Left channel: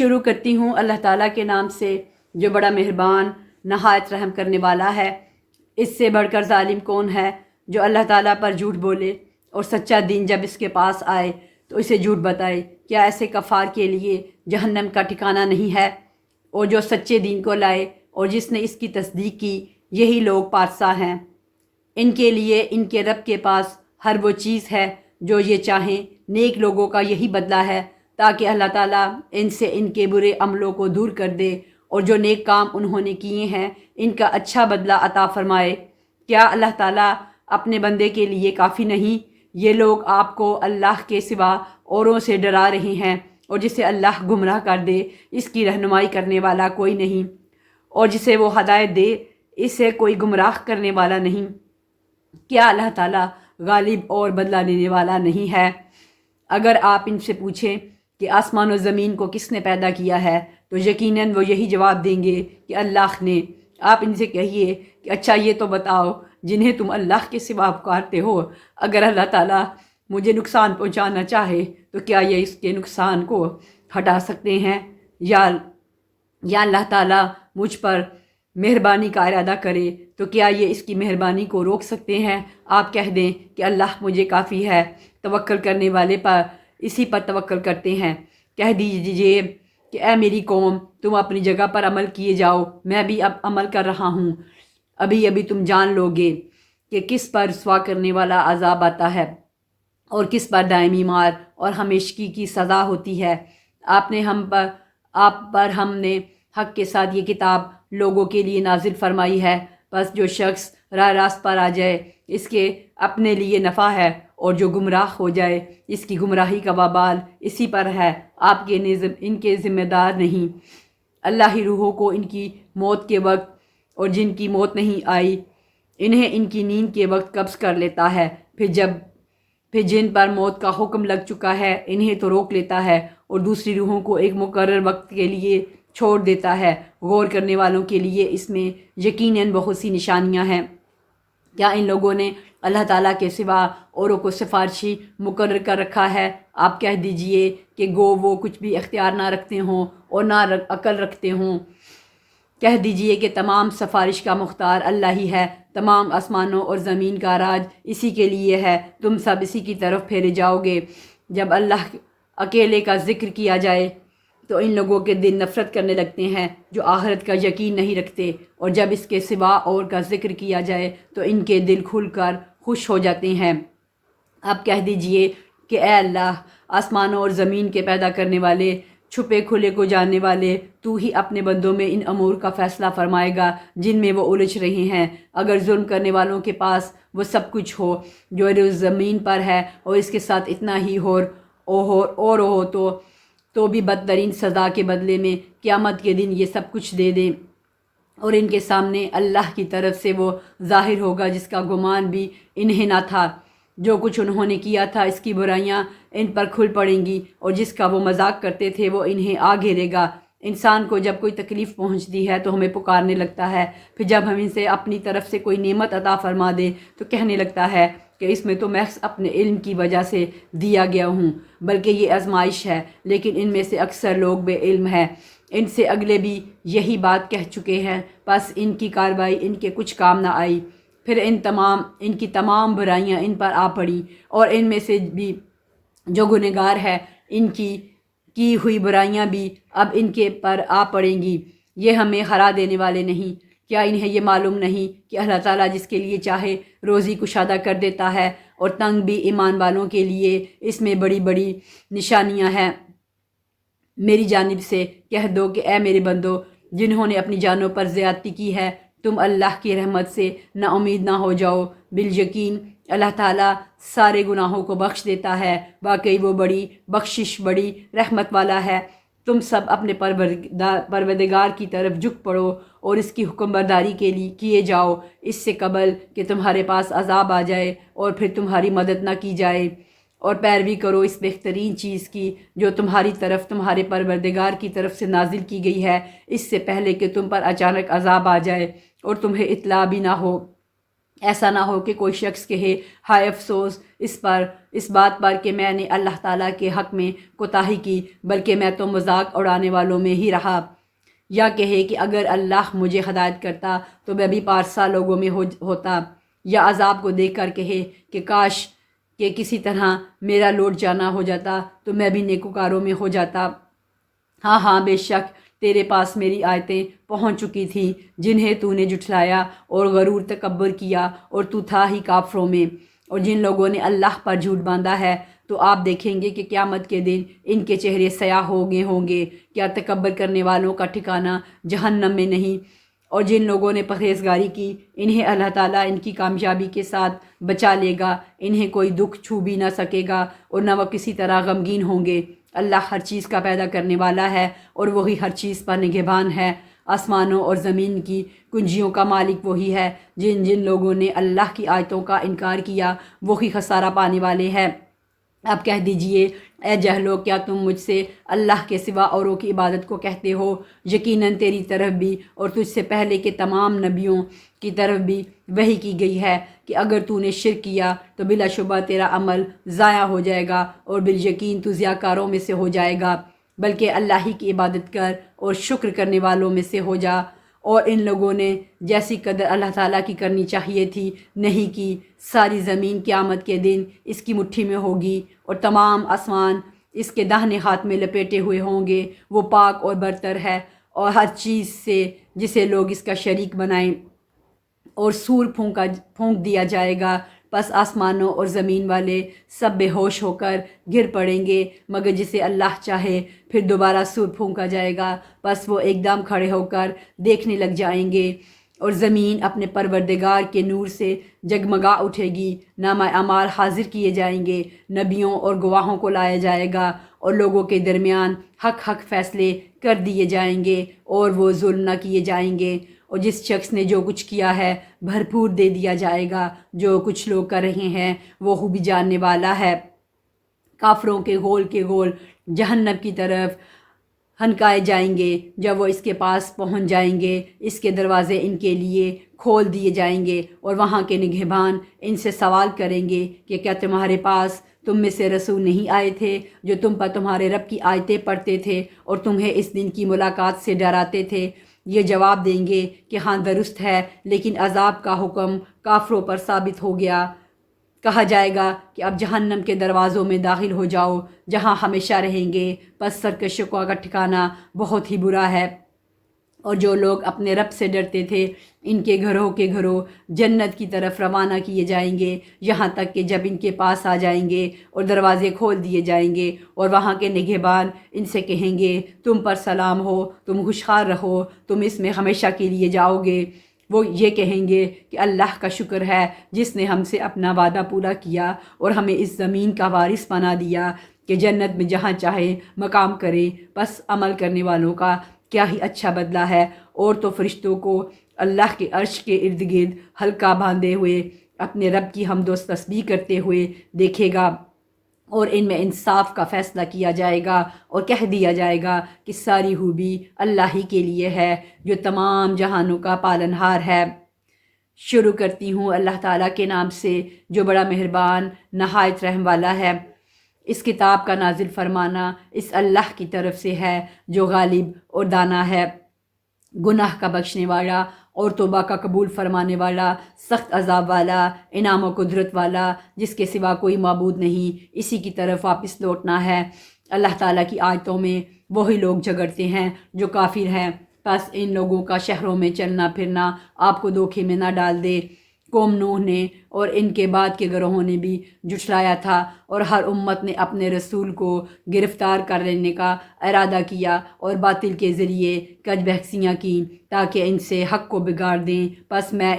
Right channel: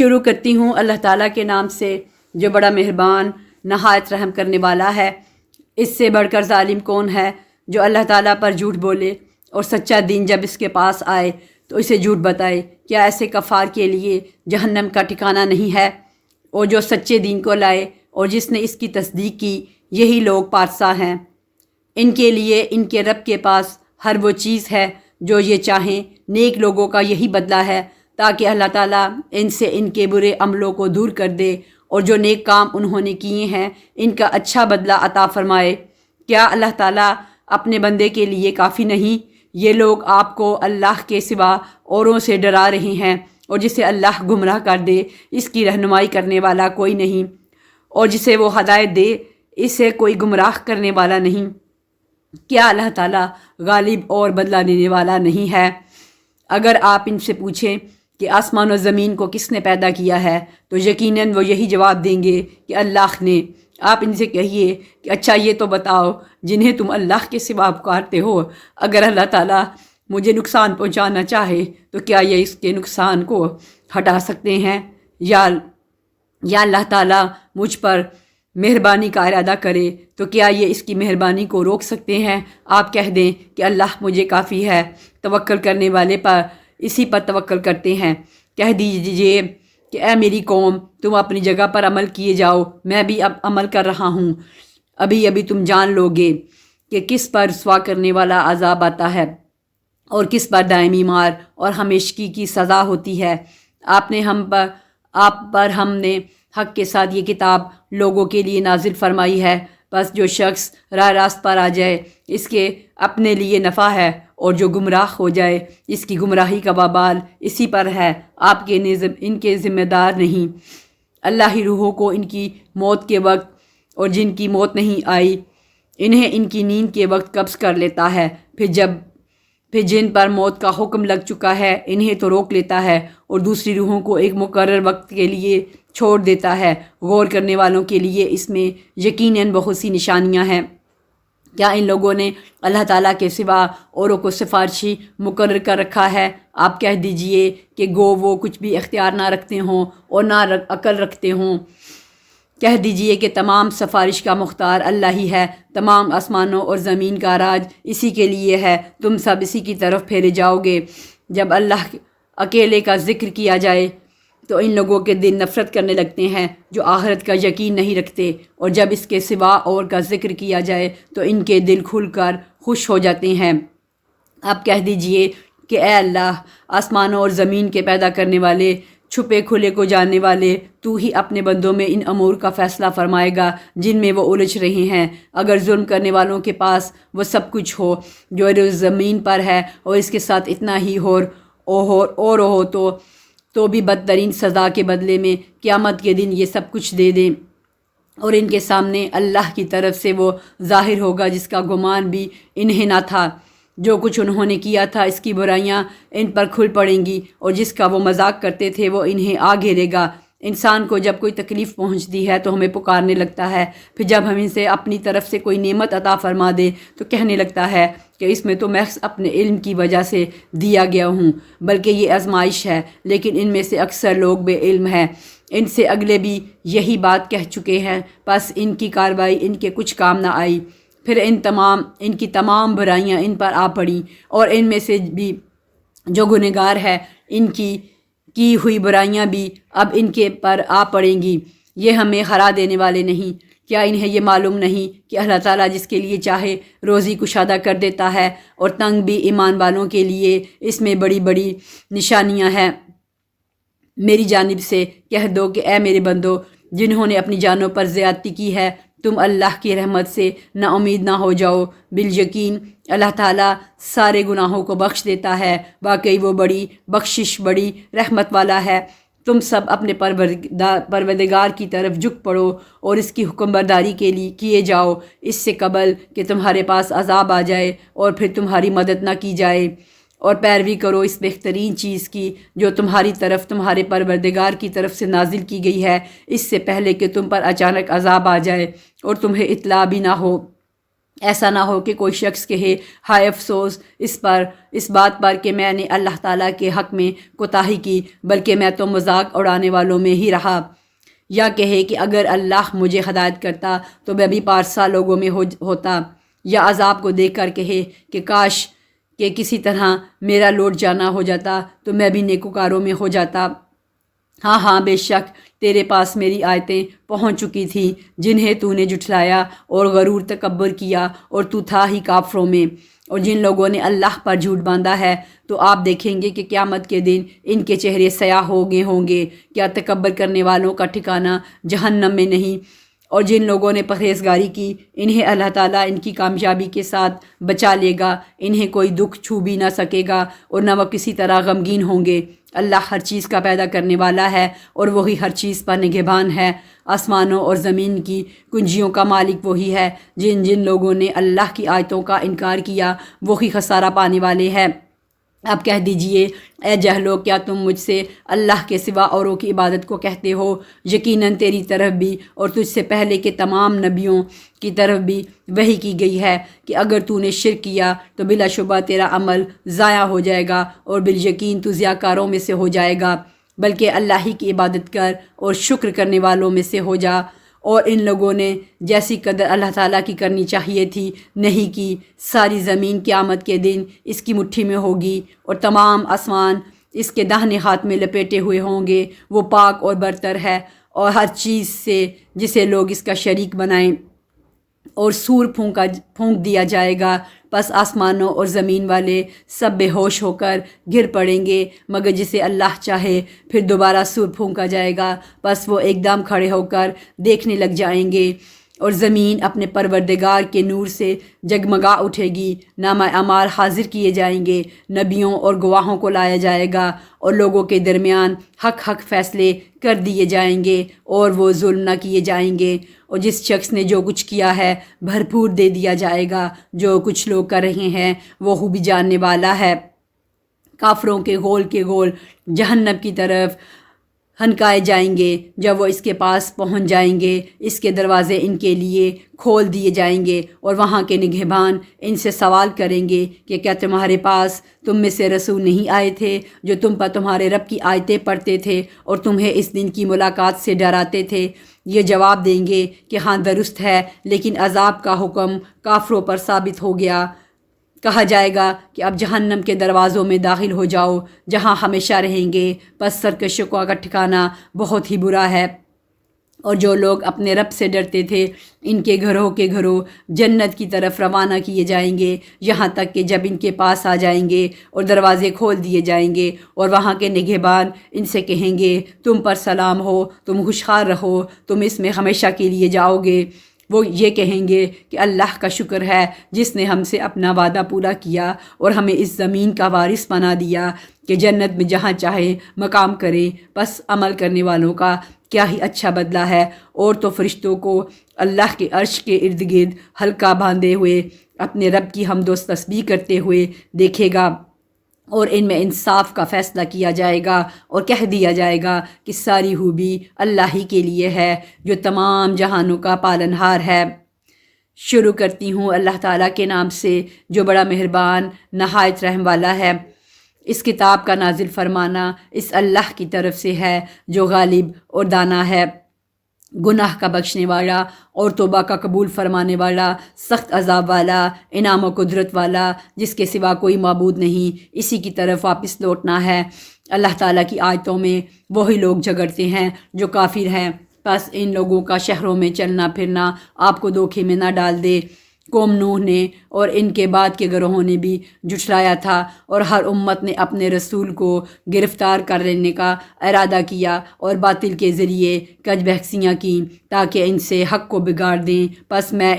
شروع کرتی ہوں اللہ تعالیٰ کے نام سے جو بڑا مہربان نہایت رحم کرنے والا ہے۔ اس سے بڑھ کر ظالم کون ہے جو اللہ تعالیٰ پر جھوٹ بولے اور سچا دین جب اس کے پاس آئے تو اسے جھوٹ بتائے۔ کیا ایسے کفار کے لیے جہنم کا ٹھکانہ نہیں ہے؟ اور جو سچے دین کو لائے اور جس نے اس کی تصدیق کی، یہی لوگ پارسا ہیں۔ ان کے لیے ان کے رب کے پاس ہر وہ چیز ہے جو یہ چاہیں۔ نیک لوگوں کا یہی بدلہ ہے تاکہ اللہ تعالیٰ ان سے ان کے برے عملوں کو دور کر دے اور جو نیک کام انہوں نے کیے ہیں ان کا اچھا بدلہ عطا فرمائے۔ کیا اللہ تعالیٰ اپنے بندے کے لیے کافی نہیں؟ یہ لوگ آپ کو اللہ کے سوا اوروں سے ڈرا رہے ہیں، اور جسے اللہ گمراہ کر دے اس کی رہنمائی کرنے والا کوئی نہیں، اور جسے وہ ہدایت دے اسے کوئی گمراہ کرنے والا نہیں۔ کیا اللہ تعالیٰ غالب اور بدلہ لینے والا نہیں ہے؟ اگر آپ ان سے پوچھیں کہ آسمان و زمین کو کس نے پیدا کیا ہے تو یقیناً وہ یہی جواب دیں گے کہ اللہ نے۔ آپ ان سے کہیے کہ اچھا یہ تو بتاؤ جنہیں تم اللہ کے سوا پکارتے ہو، اگر اللہ تعالیٰ مجھے نقصان پہنچانا چاہے تو کیا یہ اس کے نقصان کو ہٹا سکتے ہیں؟ یا اللہ تعالیٰ مجھ پر مہربانی کا ارادہ کرے تو کیا یہ اس کی مہربانی کو روک سکتے ہیں؟ آپ کہہ دیں کہ اللہ مجھے کافی ہے، توکل کرنے والے پر اسی پر توکل کرتے ہیں۔ کہہ دیجئے کہ اے میری قوم، تم اپنی جگہ پر عمل کیے جاؤ، میں بھی اب عمل کر رہا ہوں۔ ابھی ابھی تم جان لو گے کہ کس پر رسوا کرنے والا عذاب آتا ہے اور کس پر دائمی مار اور ہمیشگی کی سزا ہوتی ہے۔ آپ پر ہم نے حق کے ساتھ یہ کتاب لوگوں کے لیے نازل فرمائی ہے، بس جو شخص راہ راست پر آ جائے اس کے اپنے لیے نفع ہے، اور جو گمراہ ہو جائے اس کی گمراہی کا وبال اسی پر ہے، آپ کے ان کے ذمہ دار نہیں۔ اللہ ہی روحوں کو ان کی موت کے وقت اور جن کی موت نہیں آئی انہیں ان کی نیند کے وقت قبض کر لیتا ہے، پھر جن پر موت کا حکم لگ چکا ہے انہیں تو روک لیتا ہے اور دوسری روحوں کو ایک مقرر وقت کے لیے چھوڑ دیتا ہے۔ غور کرنے والوں کے لیے اس میں یقیناً بہت سی نشانیاں ہیں۔ کیا ان لوگوں نے اللہ تعالیٰ کے سوا اوروں کو سفارشی مقرر کر رکھا ہے؟ آپ کہہ دیجئے کہ گو وہ کچھ بھی اختیار نہ رکھتے ہوں اور نہ عقل رکھتے ہوں۔ کہہ دیجئے کہ تمام سفارش کا مختار اللہ ہی ہے، تمام آسمانوں اور زمین کا راج اسی کے لیے ہے، تم سب اسی کی طرف پھیرے جاؤ گے۔ جب اللہ اکیلے کا ذکر کیا جائے تو ان لوگوں کے دل نفرت کرنے لگتے ہیں جو آخرت کا یقین نہیں رکھتے، اور جب اس کے سوا اور کا ذکر کیا جائے تو ان کے دل کھل کر خوش ہو جاتے ہیں۔ اب کہہ دیجئے کہ اے اللہ، آسمانوں اور زمین کے پیدا کرنے والے، چھپے کھلے کو جاننے والے، تو ہی اپنے بندوں میں ان امور کا فیصلہ فرمائے گا جن میں وہ الجھ رہے ہیں۔ اگر ظلم کرنے والوں کے پاس وہ سب کچھ ہو جو زمین پر ہے اور اس کے ساتھ اتنا ہی اور ہو تو بھی بدترین سزا کے بدلے میں قیامت کے دن یہ سب کچھ دے دیں، اور ان کے سامنے اللہ کی طرف سے وہ ظاہر ہوگا جس کا گمان بھی انہیں نہ تھا۔ جو کچھ انہوں نے کیا تھا اس کی برائیاں ان پر کھل پڑیں گی، اور جس کا وہ مذاق کرتے تھے وہ انہیں آ گھیرے گا۔ انسان کو جب کوئی تکلیف پہنچتی ہے تو ہمیں پکارنے لگتا ہے، پھر جب ہم اسے اپنی طرف سے کوئی نعمت عطا فرما دے تو کہنے لگتا ہے کہ اس میں تو محض اپنے علم کی وجہ سے دیا گیا ہوں، بلکہ یہ آزمائش ہے۔ لیکن ان میں سے اکثر لوگ بے علم ہیں۔ ان سے اگلے بھی یہی بات کہہ چکے ہیں، بس ان کی کارروائی ان کے کچھ کام نہ آئی۔ پھر ان کی تمام برائیاں ان پر آ پڑیں، اور ان میں سے بھی جو گنہگار ہے ان کی ہوئی برائیاں بھی اب ان کے پر آ پڑیں گی۔ یہ ہمیں ہرا دینے والے نہیں۔ کیا انہیں یہ معلوم نہیں کہ اللہ تعالیٰ جس کے لیے چاہے روزی کشادہ کر دیتا ہے، اور تنگ بھی ایمان والوں کے لیے اس میں بڑی بڑی نشانیاں ہیں۔ میری جانب سے کہہ دو کہ اے میرے بندو جنہوں نے اپنی جانوں پر زیادتی کی ہے، تم اللہ کی رحمت سے نا امید نہ ہو جاؤ۔ بالیقین اللہ تعالیٰ سارے گناہوں کو بخش دیتا ہے، واقعی وہ بڑی بخشش بڑی رحمت والا ہے۔ تم سب اپنے پروردگار کی طرف جھک پڑو اور اس کی حکم برداری کے لیے کیے جاؤ، اس سے قبل کہ تمہارے پاس عذاب آ جائے اور پھر تمہاری مدد نہ کی جائے، اور پیروی کرو اس بہترین چیز کی جو تمہاری طرف تمہارے پروردگار کی طرف سے نازل کی گئی ہے، اس سے پہلے کہ تم پر اچانک عذاب آ جائے اور تمہیں اطلاع بھی نہ ہو۔ ایسا نہ ہو کہ کوئی شخص کہے ہائے افسوس اس بات پر کہ میں نے اللہ تعالیٰ کے حق میں کوتاہی کی، بلکہ میں تو مذاق اڑانے والوں میں ہی رہا۔ یا کہے کہ اگر اللہ مجھے ہدایت کرتا تو میں بھی پارسا لوگوں میں ہوتا۔ یا عذاب کو دیکھ کر کہے کہ کاش کہ کسی طرح میرا لوٹ جانا ہو جاتا تو میں بھی نیکوکاروں میں ہو جاتا۔ ہاں ہاں، بے شک تیرے پاس میری آیتیں پہنچ چکی تھیں جنہیں تو نے جھٹلایا اور غرور تکبر کیا، اور تو تھا ہی کافروں میں۔ اور جن لوگوں نے اللہ پر جھوٹ باندھا ہے تو آپ دیکھیں گے کہ قیامت کے دن ان کے چہرے سیاہ ہوں گے۔ کیا تکبر کرنے والوں کا ٹھکانہ جہنم میں نہیں؟ اور جن لوگوں نے پرہیزگاری کی انہیں اللہ تعالیٰ ان کی کامیابی کے ساتھ بچا لے گا، انہیں کوئی دکھ چھو بھی نہ سکے گا اور نہ وہ کسی طرح غمگین ہوں گے۔ اللہ ہر چیز کا پیدا کرنے والا ہے اور وہی ہر چیز پر نگہبان ہے۔ آسمانوں اور زمین کی کنجیوں کا مالک وہی ہے۔ جن لوگوں نے اللہ کی آیتوں کا انکار کیا وہی خسارہ پانے والے ہیں۔ اب کہہ دیجئے اے جہلو، کیا تم مجھ سے اللہ کے سوا اوروں کی عبادت کو کہتے ہو؟ یقیناً تیری طرف بھی اور تجھ سے پہلے کے تمام نبیوں کی طرف بھی وحی کی گئی ہے کہ اگر تو نے شرک کیا تو بلا شبہ تیرا عمل ضائع ہو جائے گا اور بالیقین تو ضیاءکاروں میں سے ہو جائے گا، بلکہ اللہ ہی کی عبادت کر اور شکر کرنے والوں میں سے ہو جا۔ اور ان لوگوں نے جیسی قدر اللہ تعالیٰ کی کرنی چاہیے تھی نہیں کی۔ ساری زمین قیامت کے دن اس کی مٹھی میں ہوگی اور تمام آسمان اس کے داہنے ہاتھ میں لپیٹے ہوئے ہوں گے۔ وہ پاک اور برتر ہے اور ہر چیز سے جسے لوگ اس کا شریک بنائیں، اور سور پھونک دیا جائے گا، پس آسمانوں اور زمین والے سب بے ہوش ہو کر گر پڑیں گے مگر جسے اللہ چاہے۔ پھر دوبارہ سور پھونکا جائے گا، پس وہ ایک دم کھڑے ہو کر دیکھنے لگ جائیں گے، اور زمین اپنے پروردگار کے نور سے جگمگا اٹھے گی۔ نامہ اعمال حاضر کیے جائیں گے، نبیوں اور گواہوں کو لایا جائے گا، اور لوگوں کے درمیان حق فیصلے کر دیے جائیں گے، اور وہ ظلم نہ کیے جائیں گے۔ اور جس شخص نے جو کچھ کیا ہے بھرپور دے دیا جائے گا، جو کچھ لوگ کر رہے ہیں وہ خوبی جاننے والا ہے۔ کافروں کے گول جہنم کی طرف ہنکائے جائیں گے۔ جب وہ اس کے پاس پہنچ جائیں گے اس کے دروازے ان کے لیے کھول دیے جائیں گے، اور وہاں کے نگہبان ان سے سوال کریں گے کہ کیا تمہارے پاس تم میں سے رسول نہیں آئے تھے جو تم پر تمہارے رب کی آیتیں پڑھتے تھے اور تمہیں اس دن کی ملاقات سے ڈراتے تھے؟ یہ جواب دیں گے کہ ہاں درست ہے، لیکن عذاب کا حکم کافروں پر ثابت ہو گیا۔ کہا جائے گا کہ اب جہنم کے دروازوں میں داخل ہو جاؤ جہاں ہمیشہ رہیں گے، پس سرکشوں کا ٹھکانہ بہت ہی برا ہے۔ اور جو لوگ اپنے رب سے ڈرتے تھے ان کے گھروں جنت کی طرف روانہ کیے جائیں گے، یہاں تک کہ جب ان کے پاس آ جائیں گے اور دروازے کھول دیے جائیں گے اور وہاں کے نگہبان ان سے کہیں گے تم پر سلام ہو، تم خوشحال رہو، تم اس میں ہمیشہ کے لیے جاؤ گے۔ وہ یہ کہیں گے کہ اللہ کا شکر ہے جس نے ہم سے اپنا وعدہ پورا کیا اور ہمیں اس زمین کا وارث بنا دیا کہ جنت میں جہاں چاہے مقام کرے۔ بس عمل کرنے والوں کا کیا ہی اچھا بدلہ ہے۔ اور تو فرشتوں کو اللہ کے عرش کے ارد گرد حلقہ باندھے ہوئے اپنے رب کی حمد و تسبیح کرتے ہوئے دیکھے گا، اور ان میں انصاف کا فیصلہ کیا جائے گا اور کہہ دیا جائے گا کہ ساری خوبی اللہ ہی کے لیے ہے جو تمام جہانوں کا پالنہار ہے۔ شروع کرتی ہوں اللہ تعالیٰ کے نام سے جو بڑا مہربان نہایت رحم والا ہے۔ اس کتاب کا نازل فرمانا اس اللہ کی طرف سے ہے جو غالب اور دانا ہے، گناہ کا بخشنے والا اور توبہ کا قبول فرمانے والا، سخت عذاب والا، انعام و قدرت والا، جس کے سوا کوئی معبود نہیں، اسی کی طرف واپس لوٹنا ہے۔ اللہ تعالیٰ کی آیتوں میں وہی لوگ جھگڑتے ہیں جو کافر ہیں، بس ان لوگوں کا شہروں میں چلنا پھرنا آپ کو دھوکے میں نہ ڈال دے۔ قوم نوح نے اور ان کے بعد کے گروہوں نے بھی جھٹلایا تھا، اور ہر امت نے اپنے رسول کو گرفتار کر لینے کا ارادہ کیا اور باطل کے ذریعے کج بحثیاں کیں تاکہ ان سے حق کو بگاڑ دیں۔ پس میں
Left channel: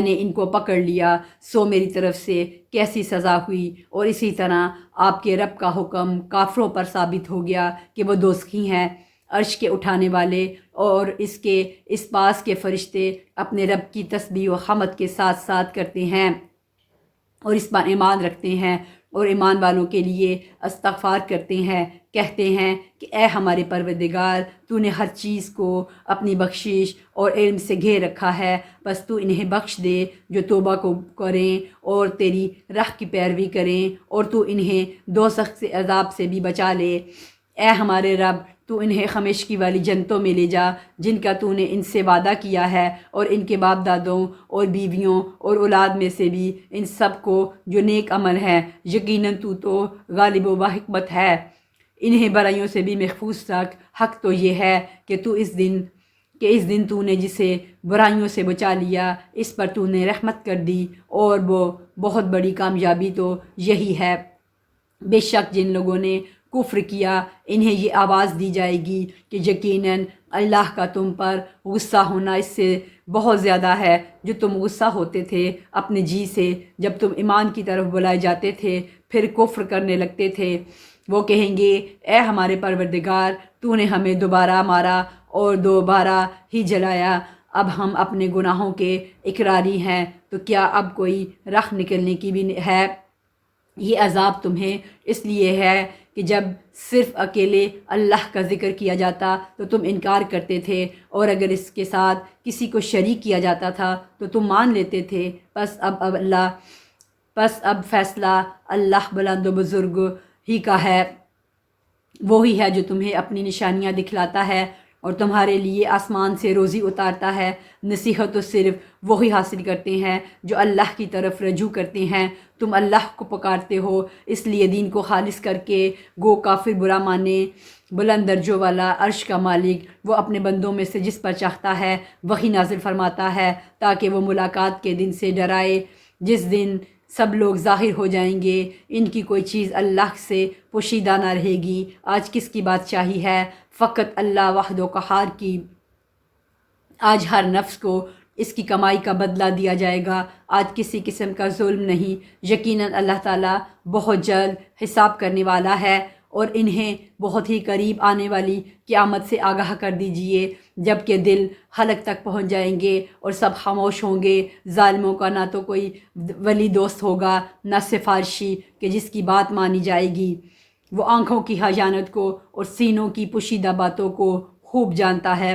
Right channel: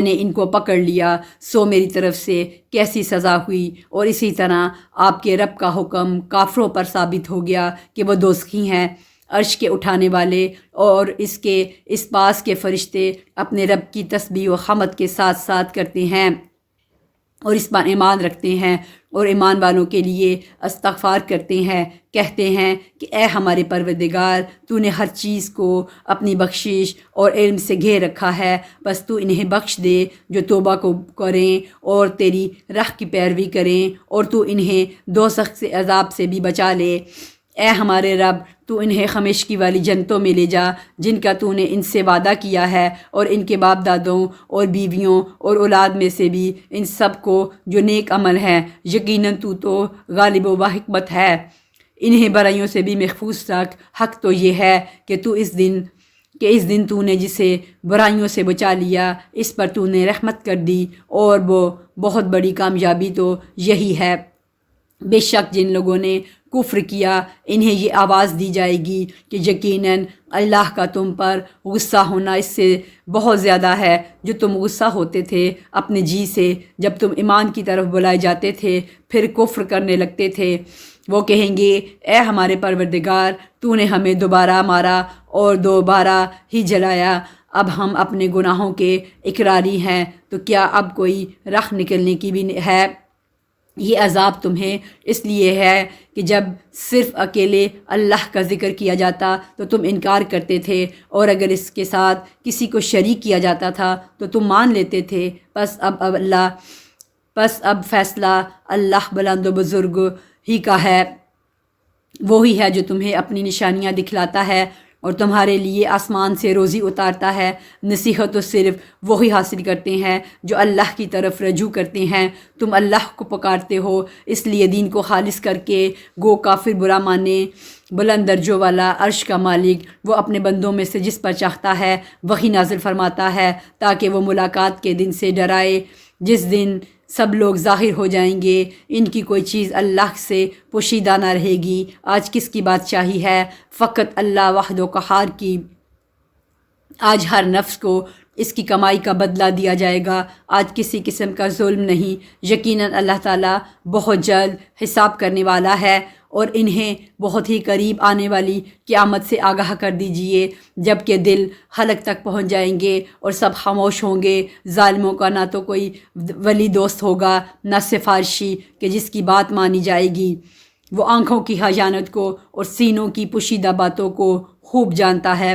نے ان کو پکڑ لیا، سو میری طرف سے کیسی سزا ہوئی۔ اور اسی طرح آپ کے رب کا حکم کافروں پر ثابت ہو گیا کہ وہ دوزخی ہیں۔ عرش کے اٹھانے والے اور اس پاس کے فرشتے اپنے رب کی تسبیح و حمد کے ساتھ کرتے ہیں۔ اور اس پر ایمان رکھتے ہیں اور ایمان والوں کے لیے استغفار کرتے ہیں، کہتے ہیں کہ اے ہمارے پروردگار، تو نے ہر چیز کو اپنی بخشش اور علم سے گھیر رکھا ہے، بس تو انہیں بخش دے جو توبہ کو کریں اور تیری راہ کی پیروی کریں، اور تو انہیں دوزخ سے عذاب سے بھی بچا لے۔ اے ہمارے رب، تو انہیں ہمیشگی والی جنتوں میں لے جا جن کا تو نے ان سے وعدہ کیا ہے، اور ان کے باپ دادوں اور بیویوں اور اولاد میں سے بھی ان سب کو جو نیک عمل ہیں، یقیناً تو غالب و حکمت ہے۔ انہیں برائیوں سے بھی محفوظ رکھ۔ حق تو یہ ہے کہ اس دن تو نے جسے برائیوں سے بچا لیا، اس پر تو نے رحمت کر دی، اور وہ بہت بڑی کامیابی تو یہی ہے۔ بے شک جن لوگوں نے کفر کیا، انہیں یہ آواز دی جائے گی کہ یقیناً اللہ کا تم پر غصہ ہونا اس سے بہت زیادہ ہے جو تم غصہ ہوتے تھے اپنے جی سے جب تم ایمان کی طرف بلائے جاتے تھے پھر کفر کرنے لگتے تھے۔ وہ کہیں گے اے ہمارے پروردگار، تو نے ہمیں دوبارہ مارا اور دوبارہ ہی جلایا، اب ہم اپنے گناہوں کے اقراری ہیں، تو کیا اب کوئی راہ نکلنے کی بھی ہے؟ یہ عذاب تمہیں اس لیے ہے کہ جب صرف اکیلے اللہ کا ذکر کیا جاتا تو تم انکار کرتے تھے، اور اگر اس کے ساتھ کسی کو شریک کیا جاتا تھا تو تم مان لیتے تھے۔ پس اب فیصلہ اللہ بلند و بزرگ ہی کا ہے، وہی ہے جو تمہیں اپنی نشانیاں دکھلاتا ہے اور تمہارے لیے آسمان سے روزی اتارتا ہے۔ نصیحت تو صرف وہی حاصل کرتے ہیں جو اللہ کی طرف رجوع کرتے ہیں۔ تم اللہ کو پکارتے ہو اس لیے دین کو خالص کر کے، گو کافر برا مانے۔ بلند درجوں والا عرش کا مالک وہ اپنے بندوں میں سے جس پر چاہتا ہے وہی نازل فرماتا ہے، تاکہ وہ ملاقات کے دن سے ڈرائے جس دن سب لوگ ظاہر ہو جائیں گے، ان کی کوئی چیز اللہ سے پوشیدہ نہ رہے گی۔ آج کس کی بادشاہی ہے؟ فقط اللہ وحدہ قہار کی۔ آج ہر نفس کو اس کی کمائی کا بدلہ دیا جائے گا، آج کسی قسم کا ظلم نہیں۔ یقیناً اللہ تعالیٰ بہت جلد حساب کرنے والا ہے، اور انہیں بہت ہی قریب آنے والی قیامت سے آگاہ کر دیجئے جب کہ دل حلق تک پہنچ جائیں گے اور سب خاموش ہوں گے۔ ظالموں کا نہ تو کوئی ولی دوست ہوگا نہ سفارشی کہ جس کی بات مانی جائے گی۔ وہ آنکھوں کی خیانت کو اور سینوں کی پوشیدہ باتوں کو خوب جانتا ہے،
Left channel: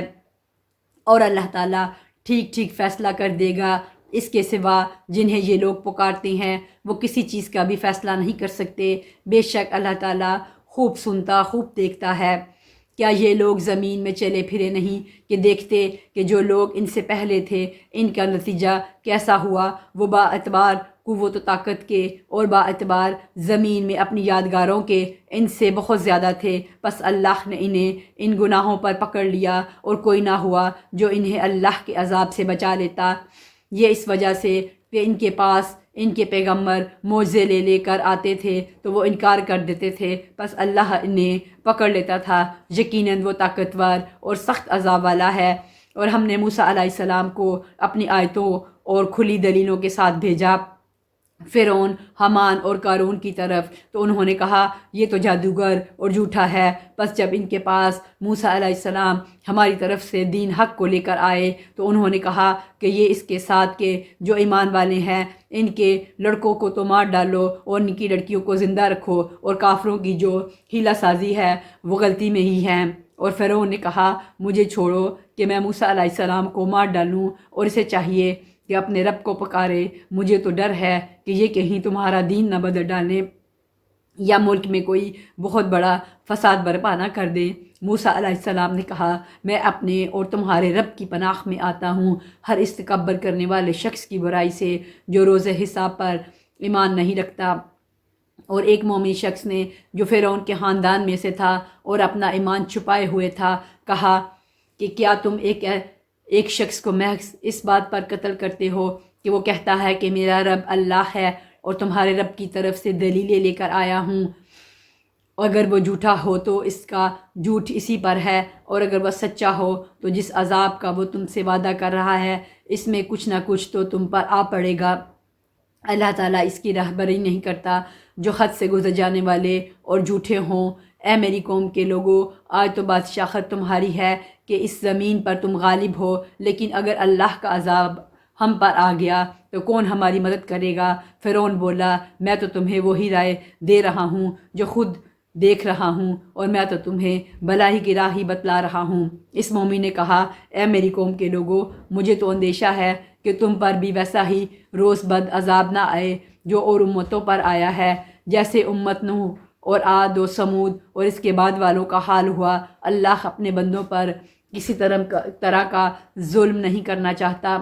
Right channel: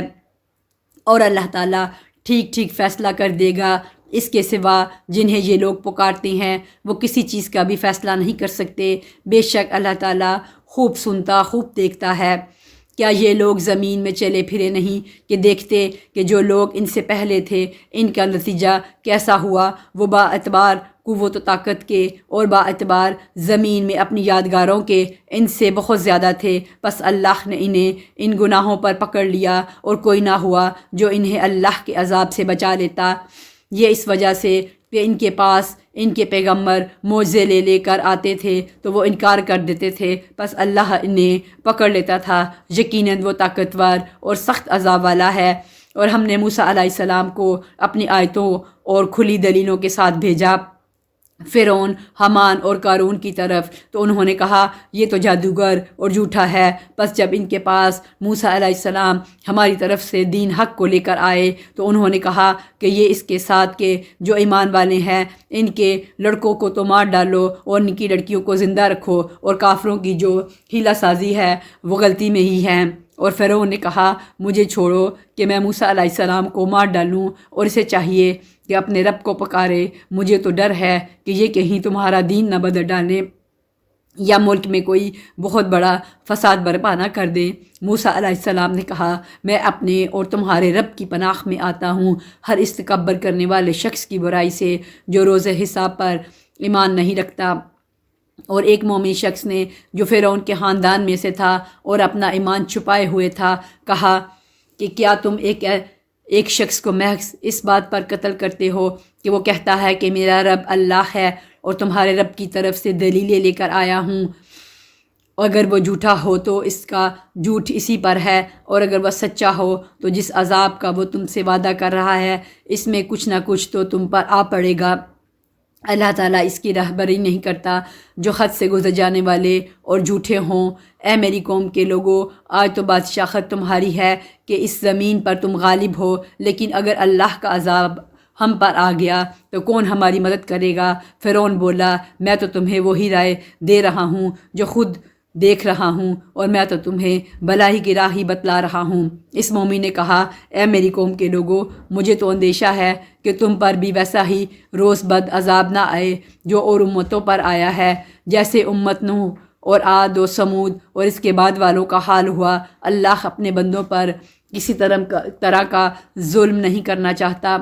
اور اللہ تعالیٰ ٹھیک ٹھیک فیصلہ کر دے گا۔ اس کے سوا جنہیں یہ لوگ پکارتے ہیں وہ کسی چیز کا بھی فیصلہ نہیں کر سکتے۔ بے شک اللہ تعالیٰ خوب سنتا خوب دیکھتا ہے۔ کیا یہ لوگ زمین میں چلے پھرے نہیں کہ دیکھتے کہ جو لوگ ان سے پہلے تھے ان کا نتیجہ کیسا ہوا؟ وہ با اعتبار قوت و طاقت کے اور با اعتبار زمین میں اپنی یادگاروں کے ان سے بہت زیادہ تھے، بس اللہ نے انہیں ان گناہوں پر پکڑ لیا اور کوئی نہ ہوا جو انہیں اللہ کے عذاب سے بچا لیتا۔ یہ اس وجہ سے کہ ان کے پاس ان کے پیغمبر معجزے لے کر آتے تھے تو وہ انکار کر دیتے تھے، بس اللہ انہیں پکڑ لیتا تھا۔ یقیناً وہ طاقتور اور سخت عذاب والا ہے۔ اور ہم نے موسیٰ علیہ السلام کو اپنی آیتوں اور کھلی دلیلوں کے ساتھ بھیجا فرعون، حامان اور قارون کی طرف، تو انہوں نے کہا یہ تو جادوگر اور جھوٹا ہے۔ بس جب ان کے پاس موسیٰ علیہ السلام ہماری طرف سے دین حق کو لے کر آئے تو انہوں نے کہا کہ یہ اس کے ساتھ کہ جو ایمان والے ہیں ان کے لڑکوں کو تو مار ڈالو اور ان کی لڑکیوں کو زندہ رکھو، اور کافروں کی جو ہیلہ سازی ہے وہ غلطی میں ہی ہے۔ اور فرعون نے کہا مجھے چھوڑو کہ میں موسیٰ علیہ السلام کو مار ڈالوں، اور اسے چاہیے کہ اپنے رب کو پکارے، مجھے تو ڈر ہے کہ یہ کہیں تمہارا دین نہ بدل ڈالیں یا ملک میں کوئی بہت بڑا فساد برپا نہ کر دیں۔ موسیٰ علیہ السلام نے کہا میں اپنے اور تمہارے رب کی پناہ میں آتا ہوں ہر اس تکبر کرنے والے شخص کی برائی سے جو روز حساب پر ایمان نہیں رکھتا۔ اور ایک مومن شخص نے جو فرعون کے خاندان میں سے تھا اور اپنا ایمان چھپائے ہوئے تھا کہا کہ کیا تم ایک شخص کو محض اس بات پر قتل کرتے ہو کہ وہ کہتا ہے کہ میرا رب اللہ ہے اور تمہارے رب کی طرف سے دلیلیں لے کر آیا ہوں؟ اگر وہ جھوٹا ہو تو اس کا جھوٹ اسی پر ہے، اور اگر وہ سچا ہو تو جس عذاب کا وہ تم سے وعدہ کر رہا ہے اس میں کچھ نہ کچھ تو تم پر آ پڑے گا۔ اللہ تعالیٰ اس کی رہبری نہیں کرتا جو حد سے گزر جانے والے اور جھوٹے ہوں۔ اے میری قوم کے لوگوں، آج تو بادشاہت تمہاری ہے کہ اس زمین پر تم غالب ہو، لیکن اگر اللہ کا عذاب ہم پر آ گیا تو کون ہماری مدد کرے گا؟ فرعون بولا میں تو تمہیں وہی رائے دے رہا ہوں جو خود دیکھ رہا ہوں، اور میں تو تمہیں بھلائی کی راہ ہی بتلا رہا ہوں۔ اس مومن نے کہا اے میری قوم کے لوگوں، مجھے تو اندیشہ ہے کہ تم پر بھی ویسا ہی روز بد عذاب نہ آئے جو اور امتوں پر آیا ہے، جیسے امت نوح اور عاد و سمود اور اس کے بعد والوں کا حال ہوا۔ اللہ اپنے بندوں پر کسی طرح کا ظلم نہیں کرنا چاہتا،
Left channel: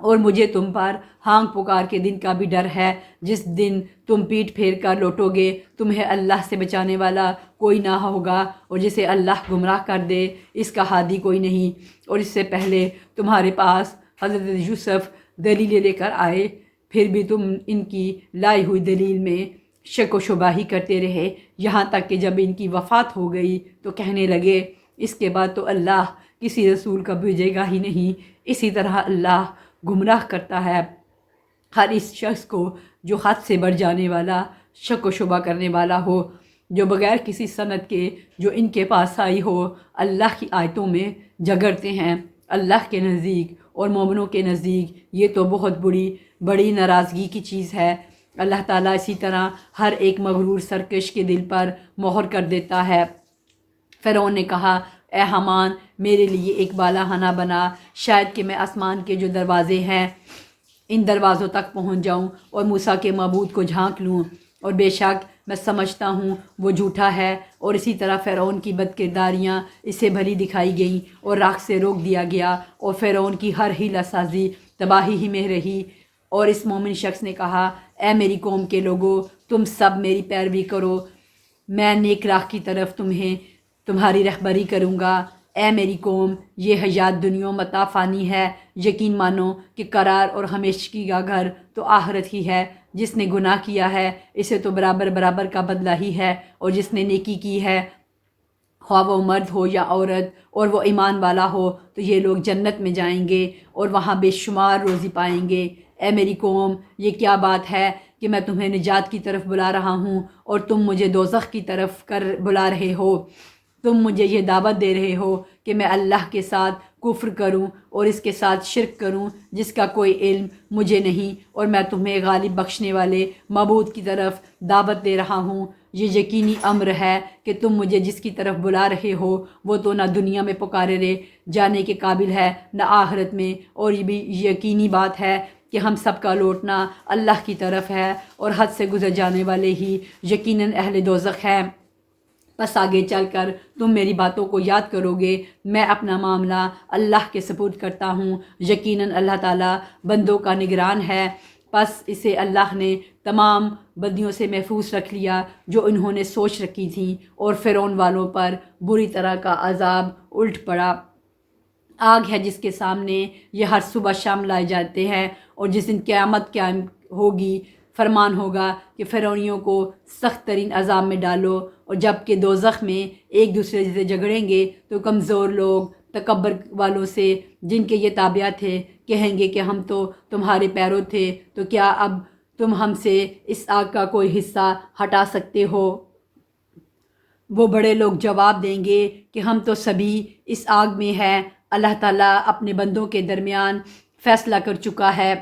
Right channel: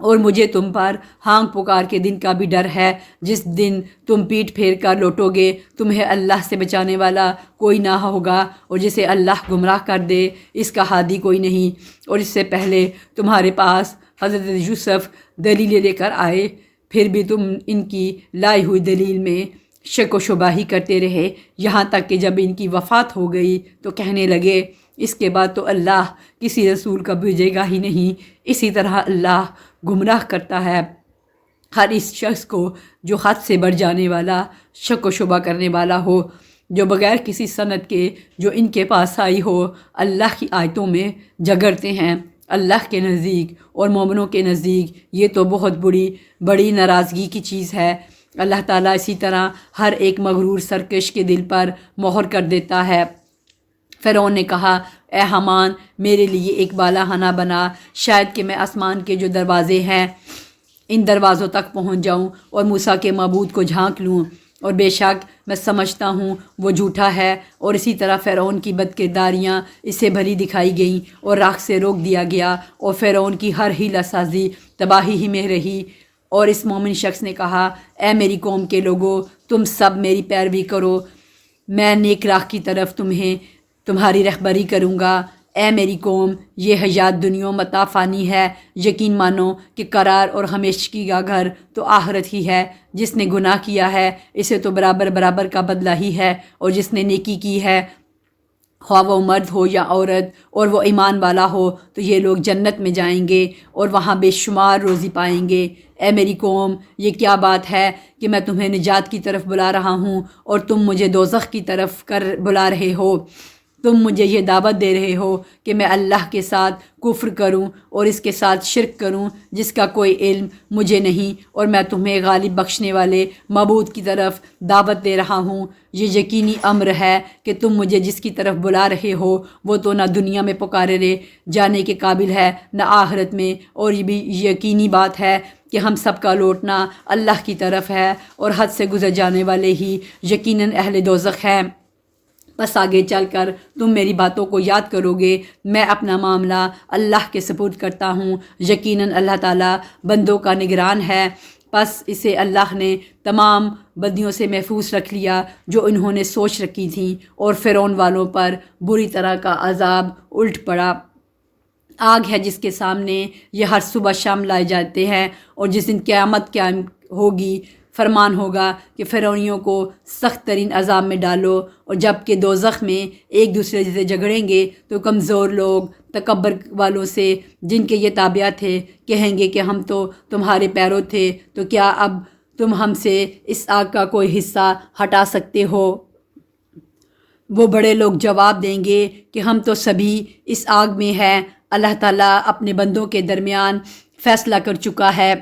اور مجھے تم پر ہانگ پکار کے دن کا بھی ڈر ہے، جس دن تم پیٹ پھیر کر لوٹو گے، تمہیں اللہ سے بچانے والا کوئی نہ ہوگا، اور جسے اللہ گمراہ کر دے اس کا ہادی کوئی نہیں۔ اور اس سے پہلے تمہارے پاس حضرت یوسف دلیلیں لے کر آئے، پھر بھی تم ان کی لائی ہوئی دلیل میں شک و شبہ ہی کرتے رہے، یہاں تک کہ جب ان کی وفات ہو گئی تو کہنے لگے اس کے بعد تو اللہ کسی رسول کا بھیجے گا ہی نہیں۔ اسی طرح اللہ گمراہ کرتا ہے ہر اس شخص کو جو حد سے بڑھ جانے والا، شک و شبہ کرنے والا ہو، جو بغیر کسی سند کے جو ان کے پاس آئی ہو اللہ کی آیتوں میں جھگڑتے ہیں۔ اللہ کے نزدیک اور مومنوں کے نزدیک یہ تو بہت بڑی ناراضگی کی چیز ہے۔ اللہ تعالیٰ اسی طرح ہر ایک مغرور سرکش کے دل پر مہر کر دیتا ہے۔ فرعون نے کہا اے حامان، میرے لیے ایک بالا خانہ بنا، شاید کہ میں آسمان کے جو دروازے ہیں ان دروازوں تک پہنچ جاؤں اور موسیٰ کے معبود کو جھانک لوں، اور بے شک میں سمجھتا ہوں وہ جھوٹا ہے۔ اور اسی طرح فرعون کی بد کرداریاں اسے بھری دکھائی گئیں اور راہ سے روک دیا گیا، اور فرعون کی ہر حیلہ سازی تباہی ہی میں رہی۔ اور اس مومن شخص نے کہا اے میری قوم کے لوگوں، تم سب میری پیروی کرو، میں نیک راہ کی طرف تمہاری رہبری کروں گا۔ اے میری قوم، یہ حیات دنیا متاع فانی ہے، یقین مانو کہ قرار اور ہمیشگی کا گھر تو آخرت ہی ہے۔ جس نے گناہ کیا ہے اسے تو برابر کا بدلہ ہی ہے، اور جس نے نیکی کی ہے خواہ وہ مرد ہو یا عورت اور وہ ایمان والا ہو تو یہ لوگ جنت میں جائیں گے اور وہاں بے شمار روزی پائیں گے۔ اے میری قوم، یہ کیا بات ہے کہ میں تمہیں نجات کی طرف بلا رہا ہوں اور تم مجھے دوزخ کی طرف بلا رہے ہو؟ تم مجھے یہ دعوت دے رہے ہو کہ میں اللہ کے ساتھ کفر کروں اور اس کے ساتھ شرک کروں جس کا کوئی علم مجھے نہیں، اور میں تمہیں غالب بخشنے والے معبود کی طرف دعوت دے رہا ہوں۔ یہ یقینی امر ہے کہ تم مجھے جس کی طرف بلا رہے ہو وہ تو نہ دنیا میں پکارے جانے کے قابل ہے نہ آخرت میں، اور یہ بھی یقینی بات ہے کہ ہم سب کا لوٹنا اللہ کی طرف ہے، اور حد سے گزر جانے والے ہی یقیناً اہل دوزخ ہیں۔ بس آگے چل کر تم میری باتوں کو یاد کرو گے۔ میں اپنا معاملہ اللہ کے سپرد کرتا ہوں، یقیناً اللہ تعالیٰ بندوں کا نگران ہے۔ پس اسے اللہ نے تمام بدیوں سے محفوظ رکھ لیا جو انہوں نے سوچ رکھی تھیں، اور فرعون والوں پر بری طرح کا عذاب الٹ پڑا۔ آگ ہے جس کے سامنے یہ ہر صبح شام لائے جاتے ہیں، اور جس دن قیامت قائم ہوگی فرمان ہوگا کہ فرعونیوں کو سخت ترین عذاب میں ڈالو، اور جب کہ دوزخ میں ایک دوسرے سے جھگڑیں گے تو کمزور لوگ تکبر والوں سے جن کے یہ تابع تھے کہیں گے کہ ہم تو تمہارے پیرو تھے، تو کیا اب تم ہم سے اس آگ کا کوئی حصہ ہٹا سکتے ہو؟ وہ بڑے لوگ جواب دیں گے کہ ہم تو سبھی اس آگ میں ہیں۔ اللہ تعالیٰ اپنے بندوں کے درمیان فیصلہ کر چکا ہے،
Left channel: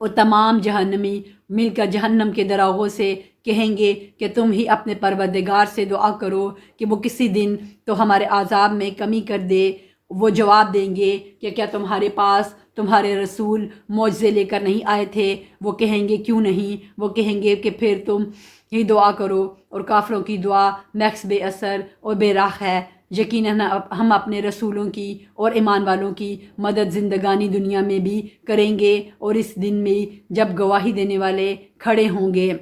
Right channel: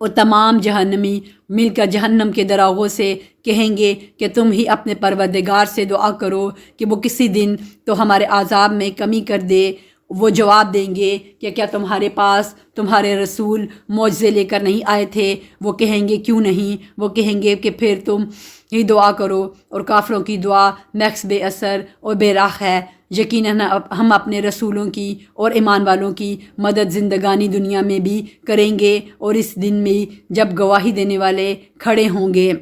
اور تمام جہنمی مل کر جہنم کے دراغوں سے کہیں گے کہ تم ہی اپنے پروردگار سے دعا کرو کہ وہ کسی دن تو ہمارے عذاب میں کمی کر دے۔ وہ جواب دیں گے کہ کیا تمہارے پاس تمہارے رسول معجزے لے کر نہیں آئے تھے؟ وہ کہیں گے کیوں نہیں؟ وہ کہیں گے کہ پھر تم ہی دعا کرو، اور کافروں کی دعا محض بے اثر اور بے راہ ہے۔ یقیناً ہم اپنے رسولوں کی اور ایمان والوں کی مدد زندگانی دنیا میں بھی کریں گے، اور اس دن میں جب گواہی دینے والے کھڑے ہوں گے،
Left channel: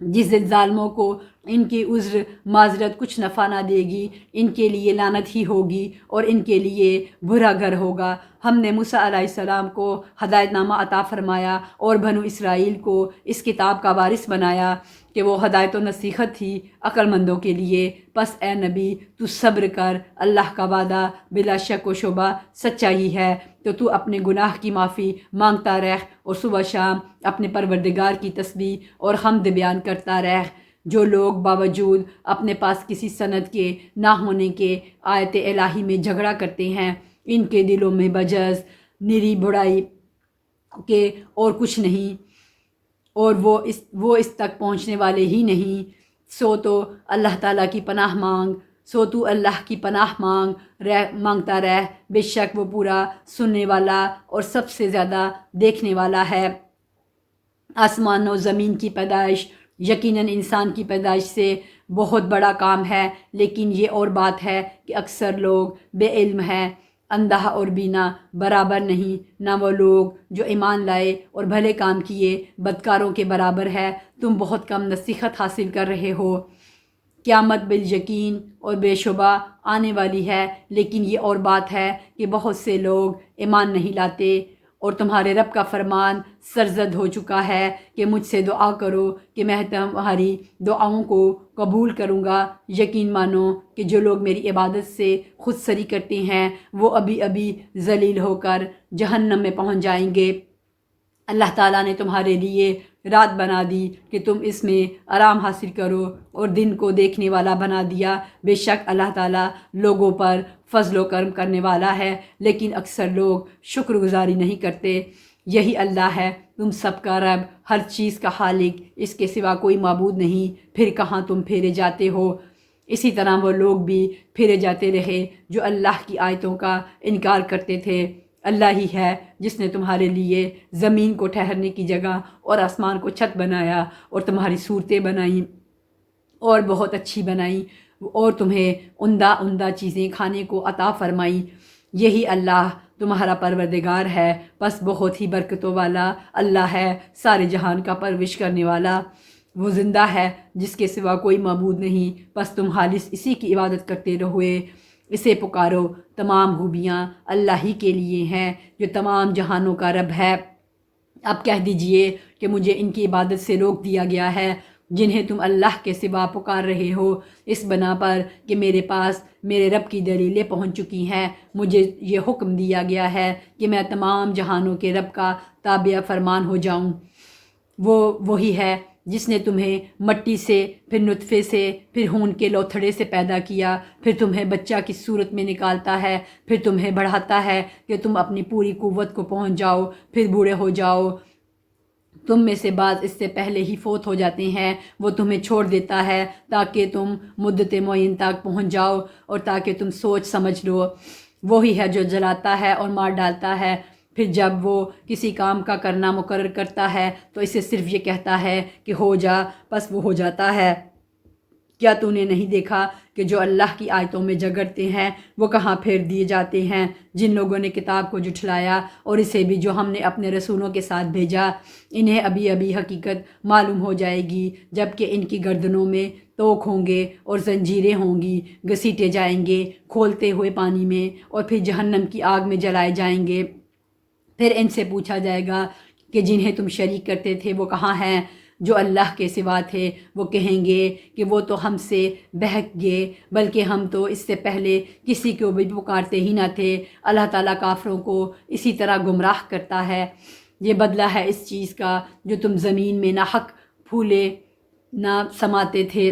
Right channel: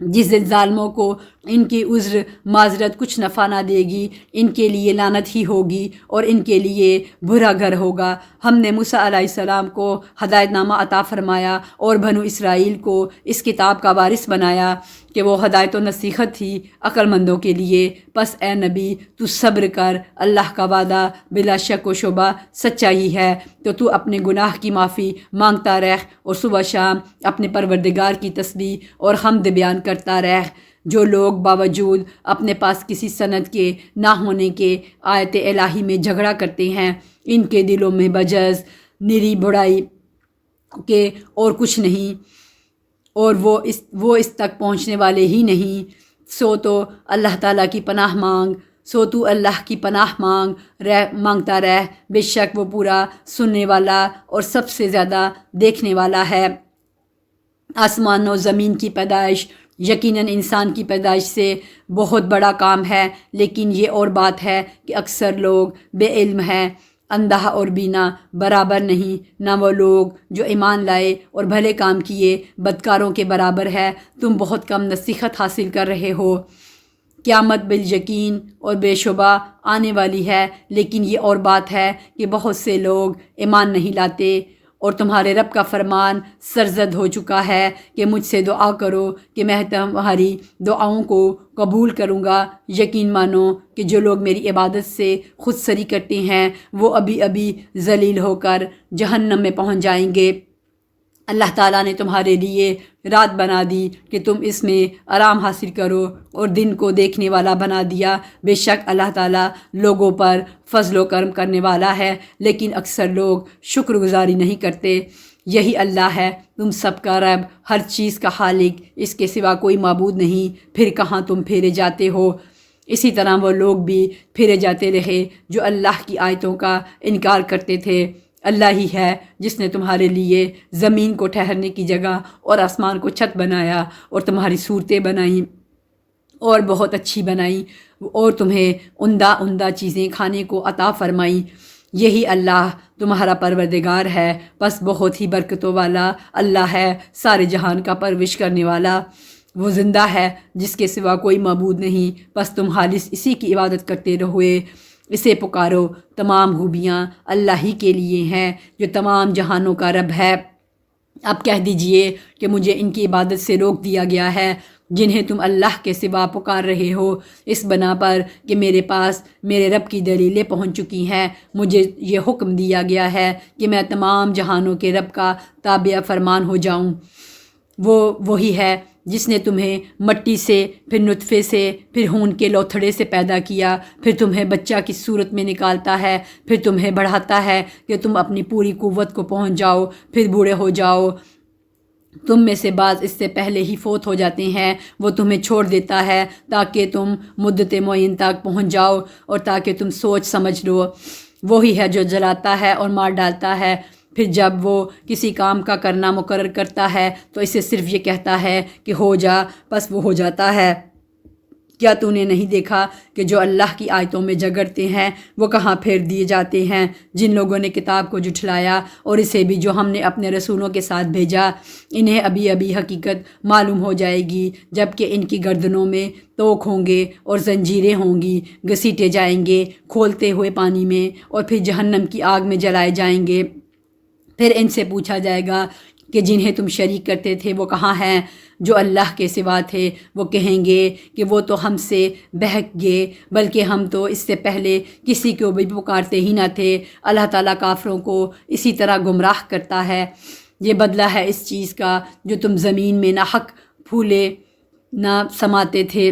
جس دن ظالموں کو ان کی عذر معذرت کچھ نفع نہ دے گی، ان کے لیے لعنت ہی ہوگی اور ان کے لیے برا گھر ہوگا۔ ہم نے موسیٰ علیہ السلام کو ہدایت نامہ عطا فرمایا اور بنو اسرائیل کو اس کتاب کا وارث بنایا کہ وہ ہدایت و نصیحت تھی عقل مندوں کے لیے۔ پس اے نبی تو صبر کر، اللہ کا وعدہ بلا شک و شبہ سچا ہی ہے، تو اپنے گناہ کی معافی مانگتا رہ اور صبح شام اپنے پروردگار کی تسبیح اور حمد بیان کرتا رہ۔ جو لوگ باوجود اپنے پاس کسی سند کے نہ ہونے کے آیت الہی میں جھگڑا کرتے ہیں، ان کے دلوں میں بجز نری برائی کہ اور کچھ نہیں، اور وہ اس تک پہنچنے والے ہی نہیں، سو تو اللہ تعالیٰ کی پناہ مانگ، سو تو اللہ کی پناہ مانگتا رہ، بے شک وہ پورا سننے والا اور سب سے زیادہ دیکھنے والا ہے۔ آسمان و زمین کی پیدائش یقیناً انسان کی پیدائش سے بہت بڑا کام ہے، لیکن یہ اور بات ہے کہ اکثر لوگ بے علم ہیں۔ اندھا اور بینا برابر نہیں، نہ وہ لوگ جو ایمان لائے اور بھلے کام کیے بدکاروں کے برابر ہے۔ تم بہت کم نصیحت حاصل کر رہے ہو۔ قیامت بالیقین اور بے شبہ آنے والی ہے، لیکن یہ اور بات ہے کہ بہت سے لوگ ایمان نہیں لاتے، اور تمہارے رب کا فرمان سرزد ہو چکا ہے کہ مجھ سے دعا کرو کہ میں تمہاری دعاؤں کو قبول کروں گا۔ یقین مانو کہ جو لوگ میری عبادت سے خود سری کرتے ہیں وہ ابھی ابھی ذلیل ہو کر جہنم میں پہنچ جائیں گے۔ اللہ تعالیٰ نے تمہارے لیے رات بنا دی کہ تم اس میں آرام حاصل کرو، اور دن کو دیکھنے والا بنا دیا۔ بے شک اللہ تعالیٰ لوگوں پر فضل و کرم کرنے والا ہے، لیکن اکثر لوگ شکر گزاری نہیں کرتے۔ یہی اللہ ہے تم سب کا رب، ہر چیز کا خالق، اس کے سوا کوئی معبود نہیں، پھر کہاں تم پھیرے جاتے ہو۔ اسی طرح وہ لوگ بھی پھیرے جاتے رہے جو اللہ کی آیتوں کا انکار کرتے تھے۔ اللہ ہی ہے جس نے تمہارے لیے زمین کو ٹھہرنے کی جگہ اور آسمان کو چھت بنایا، اور تمہاری صورتیں بنائیں اور بہت اچھی بنائیں، اور تمہیں عمدہ عمدہ چیزیں کھانے کو عطا فرمائیں۔ یہی اللہ تمہارا پروردگار ہے، بس بہت ہی برکتوں والا اللہ ہے، سارے جہان کا پرورش کرنے والا۔ وہ زندہ ہے جس کے سوا کوئی معبود نہیں، بس تم خالص اسی کی عبادت کرتے رہوے، اسے پکارو۔ تمام خوبیاں اللہ ہی کے لیے ہیں جو تمام جہانوں کا رب ہے۔ اب کہہ دیجئے کہ مجھے ان کی عبادت سے روک دیا گیا ہے جنہیں تم اللہ کے سوا پکار رہے ہو، اس بنا پر کہ میرے پاس میرے رب کی دلیلیں پہنچ چکی ہیں۔ مجھے یہ حکم دیا گیا ہے کہ میں تمام جہانوں کے رب کا تابع فرمان ہو جاؤں۔ وہ وہی ہے جس نے تمہیں مٹی سے، پھر نطفے سے، پھر خون کے لوتھڑے سے پیدا کیا، پھر تمہیں بچہ کی صورت میں نکالتا ہے، پھر تمہیں بڑھاتا ہے کہ تم اپنی پوری قوت کو پہنچ جاؤ، پھر بوڑھے ہو جاؤ۔ تم میں سے بعض اس سے پہلے ہی فوت ہو جاتے ہیں۔ وہ تمہیں چھوڑ دیتا ہے تاکہ تم مدت معین تک پہنچ جاؤ، اور تاکہ تم سوچ سمجھ لو۔ وہی ہے جو جلاتا ہے اور مار ڈالتا ہے، پھر جب وہ کسی کام کا کرنا مقرر کرتا ہے تو اسے صرف یہ کہتا ہے کہ ہو جا، بس وہ ہو جاتا ہے۔ کیا تو نے نہیں دیکھا کہ جو اللہ کی آیتوں میں جھگڑتے ہیں وہ کہاں پھیر دیے جاتے ہیں؟ جن لوگوں نے کتاب کو جھٹلایا اور اسے بھی جو ہم نے اپنے رسولوں کے ساتھ بھیجا، انہیں ابھی ابھی حقیقت معلوم ہو جائے گی، جبکہ ان کی گردنوں میں توق ہوں گے اور زنجیریں ہوں گی، گھسیٹے جائیں گے کھولتے ہوئے پانی میں، اور پھر جہنم کی آگ میں جلائے جائیں گے۔ پھر ان سے پوچھا جائے گا کہ جنہیں تم شریک کرتے تھے وہ کہاں ہیں؟ جو اللہ کے سوا تھے وہ کہیں گے کہ وہ تو ہم سے بہک گئے، بلکہ ہم تو اس سے پہلے کسی کو بھی پکارتے ہی نہ تھے۔ اللہ تعالیٰ کافروں کو اسی طرح گمراہ کرتا ہے۔ یہ بدلہ ہے اس چیز کا جو تم زمین میں نہ حق پھولے نہ سماتے تھے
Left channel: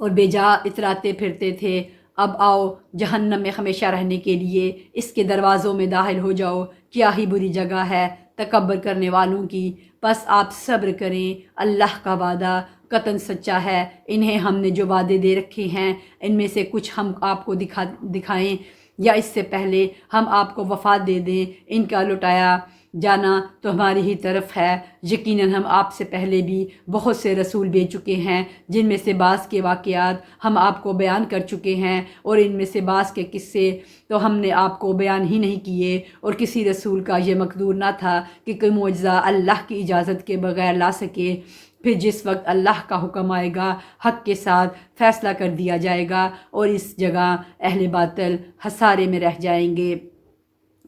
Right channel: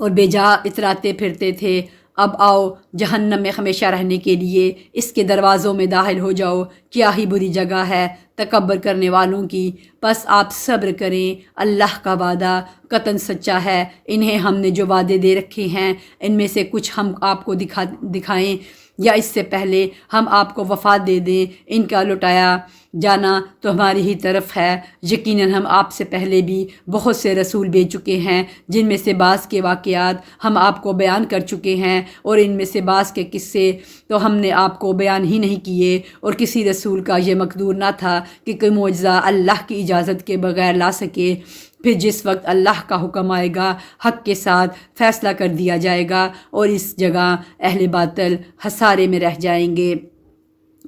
اور بے جا اتراتے پھرتے تھے۔ اب آؤ جہنم میں ہمیشہ رہنے کے لیے اس کے دروازوں میں داخل ہو جاؤ، کیا ہی بری جگہ ہے تکبر کرنے والوں کی۔ بس آپ صبر کریں، اللہ کا وعدہ قطعاً سچا ہے۔ انہیں ہم نے جو وعدے دے رکھے ہیں ان میں سے کچھ ہم آپ کو دکھائیں یا اس سے پہلے ہم آپ کو وفات دے دیں، ان کا لٹایا جانا تو ہماری ہی طرف ہے۔ یقیناً ہم آپ سے پہلے بھی بہت سے رسول بھیج چکے ہیں، جن میں سے بعض کے واقعات ہم آپ کو بیان کر چکے ہیں، اور ان میں سے بعض کے قصے تو ہم نے آپ کو بیان ہی نہیں کیے، اور کسی رسول کا یہ مقدور نہ تھا کہ کوئی معجزہ اللہ کی اجازت کے بغیر لا سکے۔ پھر جس وقت اللہ کا حکم آئے گا حق کے ساتھ فیصلہ کر دیا جائے گا، اور اس جگہ اہل باطل خسارے میں رہ جائیں گے۔